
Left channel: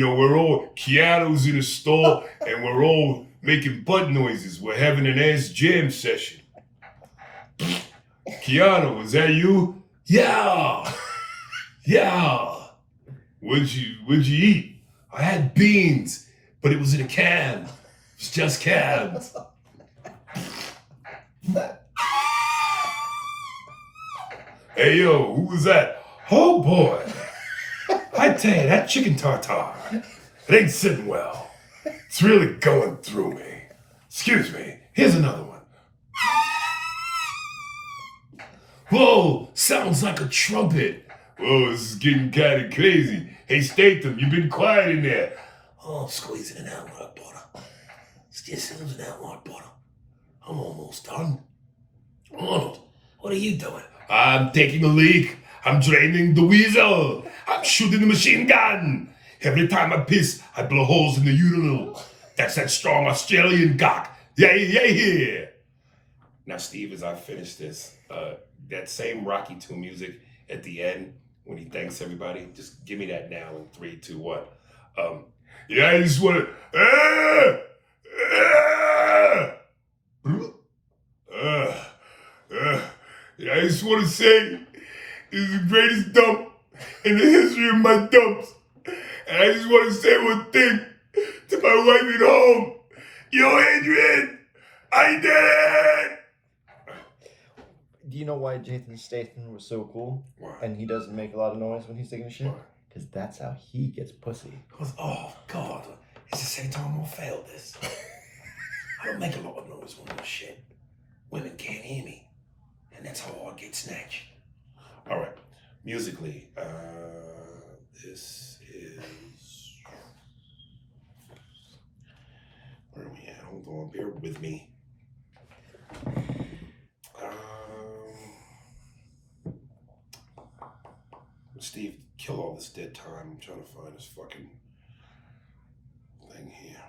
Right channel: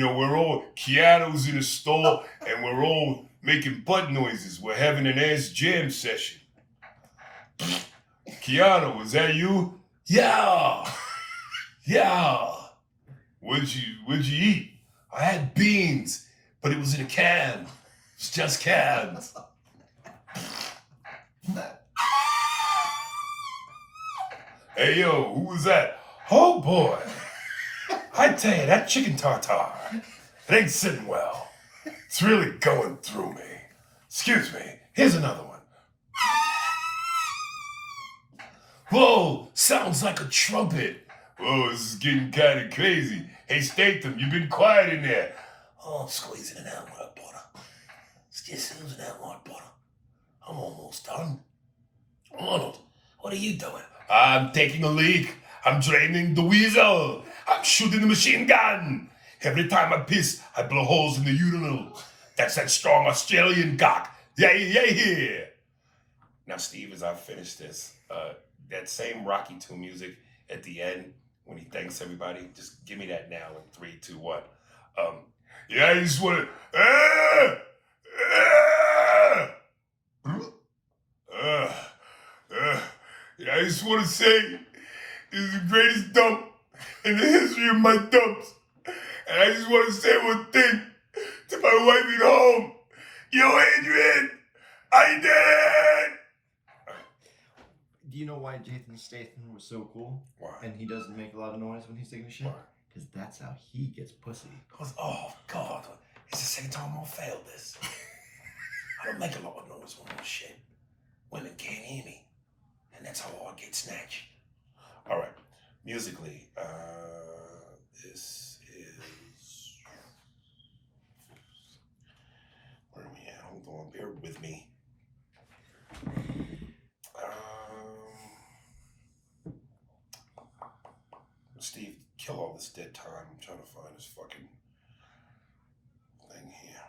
we're all Keanu's in a store, and we're all making butt noises. We're having an ass jam session. Keanu, is that you? Yeah. Yeah. What'd you eat? I had beans, but it was in a can. It's just cans. Hey yo, who was that? Oh boy. I tell you, that chicken tartare, it ain't sitting well. It's really going through me. Excuse me, here's another one. Whoa, sounds like a trumpet. Whoa, this is getting kind of crazy. Hey, Statham, you've been quiet in there. Oh, I'm squeezing it out with butter. It's just squeezing out with butter. I'm almost done. Arnold, what are you doing? I'm taking a leak. I'm draining the weasel. I'm shooting the machine gun. Every time I piss, I blow holes in the urinal. That's that strong Australian cock. Yeah. Now, Steve, as I finish this, that same Rocky 2 music at the end, when he thanks everybody, just give me that now in 3, 2, 1. Yeah, I just want to... Yeah, I just want to say, it's the greatest dump in the history of my dumps. And I just want to say one thing to my wife at home. Yo, Adrian, I did it! Do you know why Jason Statham was so cool? Why? And he doesn't make a lot of noise when he's taking a shit? Why? Because that's how he gets pussy. Oh, God. It's the second time I'm going to fail this. I don't make a lot of noise when I'm shit. Women can't hear me. And that's how I get snatched. All right. Musically, this is... Where are we at? Hold on. Bear with me. Steve, kill all this dead time. I'm trying to find this fucking thing here.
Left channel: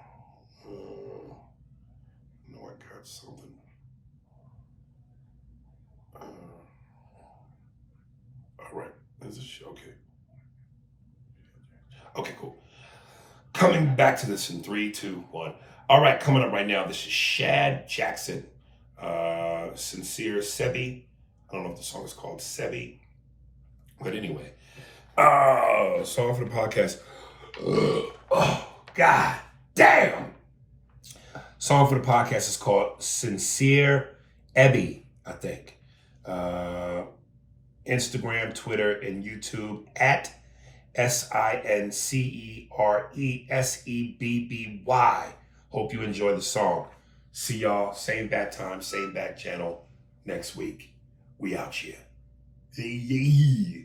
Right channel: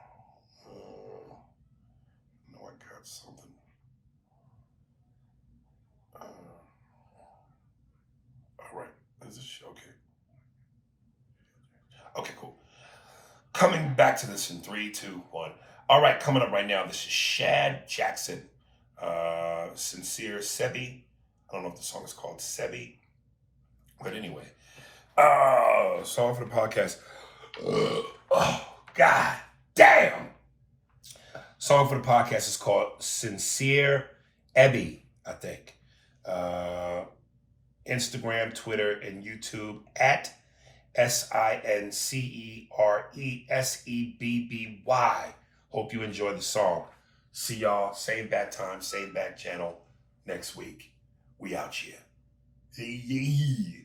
No, I got something. All right. Is this okay? Okay, cool. Coming back to this in 3, 2, 1. All right, coming up right now. This is Shad Jackson. Sincere Sebi. I don't know if the song is called Sebi. But anyway. Song for the podcast. Oh, God damn. Song for the podcast is called Sincere Ebby, I think. Instagram, Twitter, and YouTube at SINCERESEBBY. Hope you enjoy the song. See y'all, same bat time, same bat channel next week. We out here. Yeah.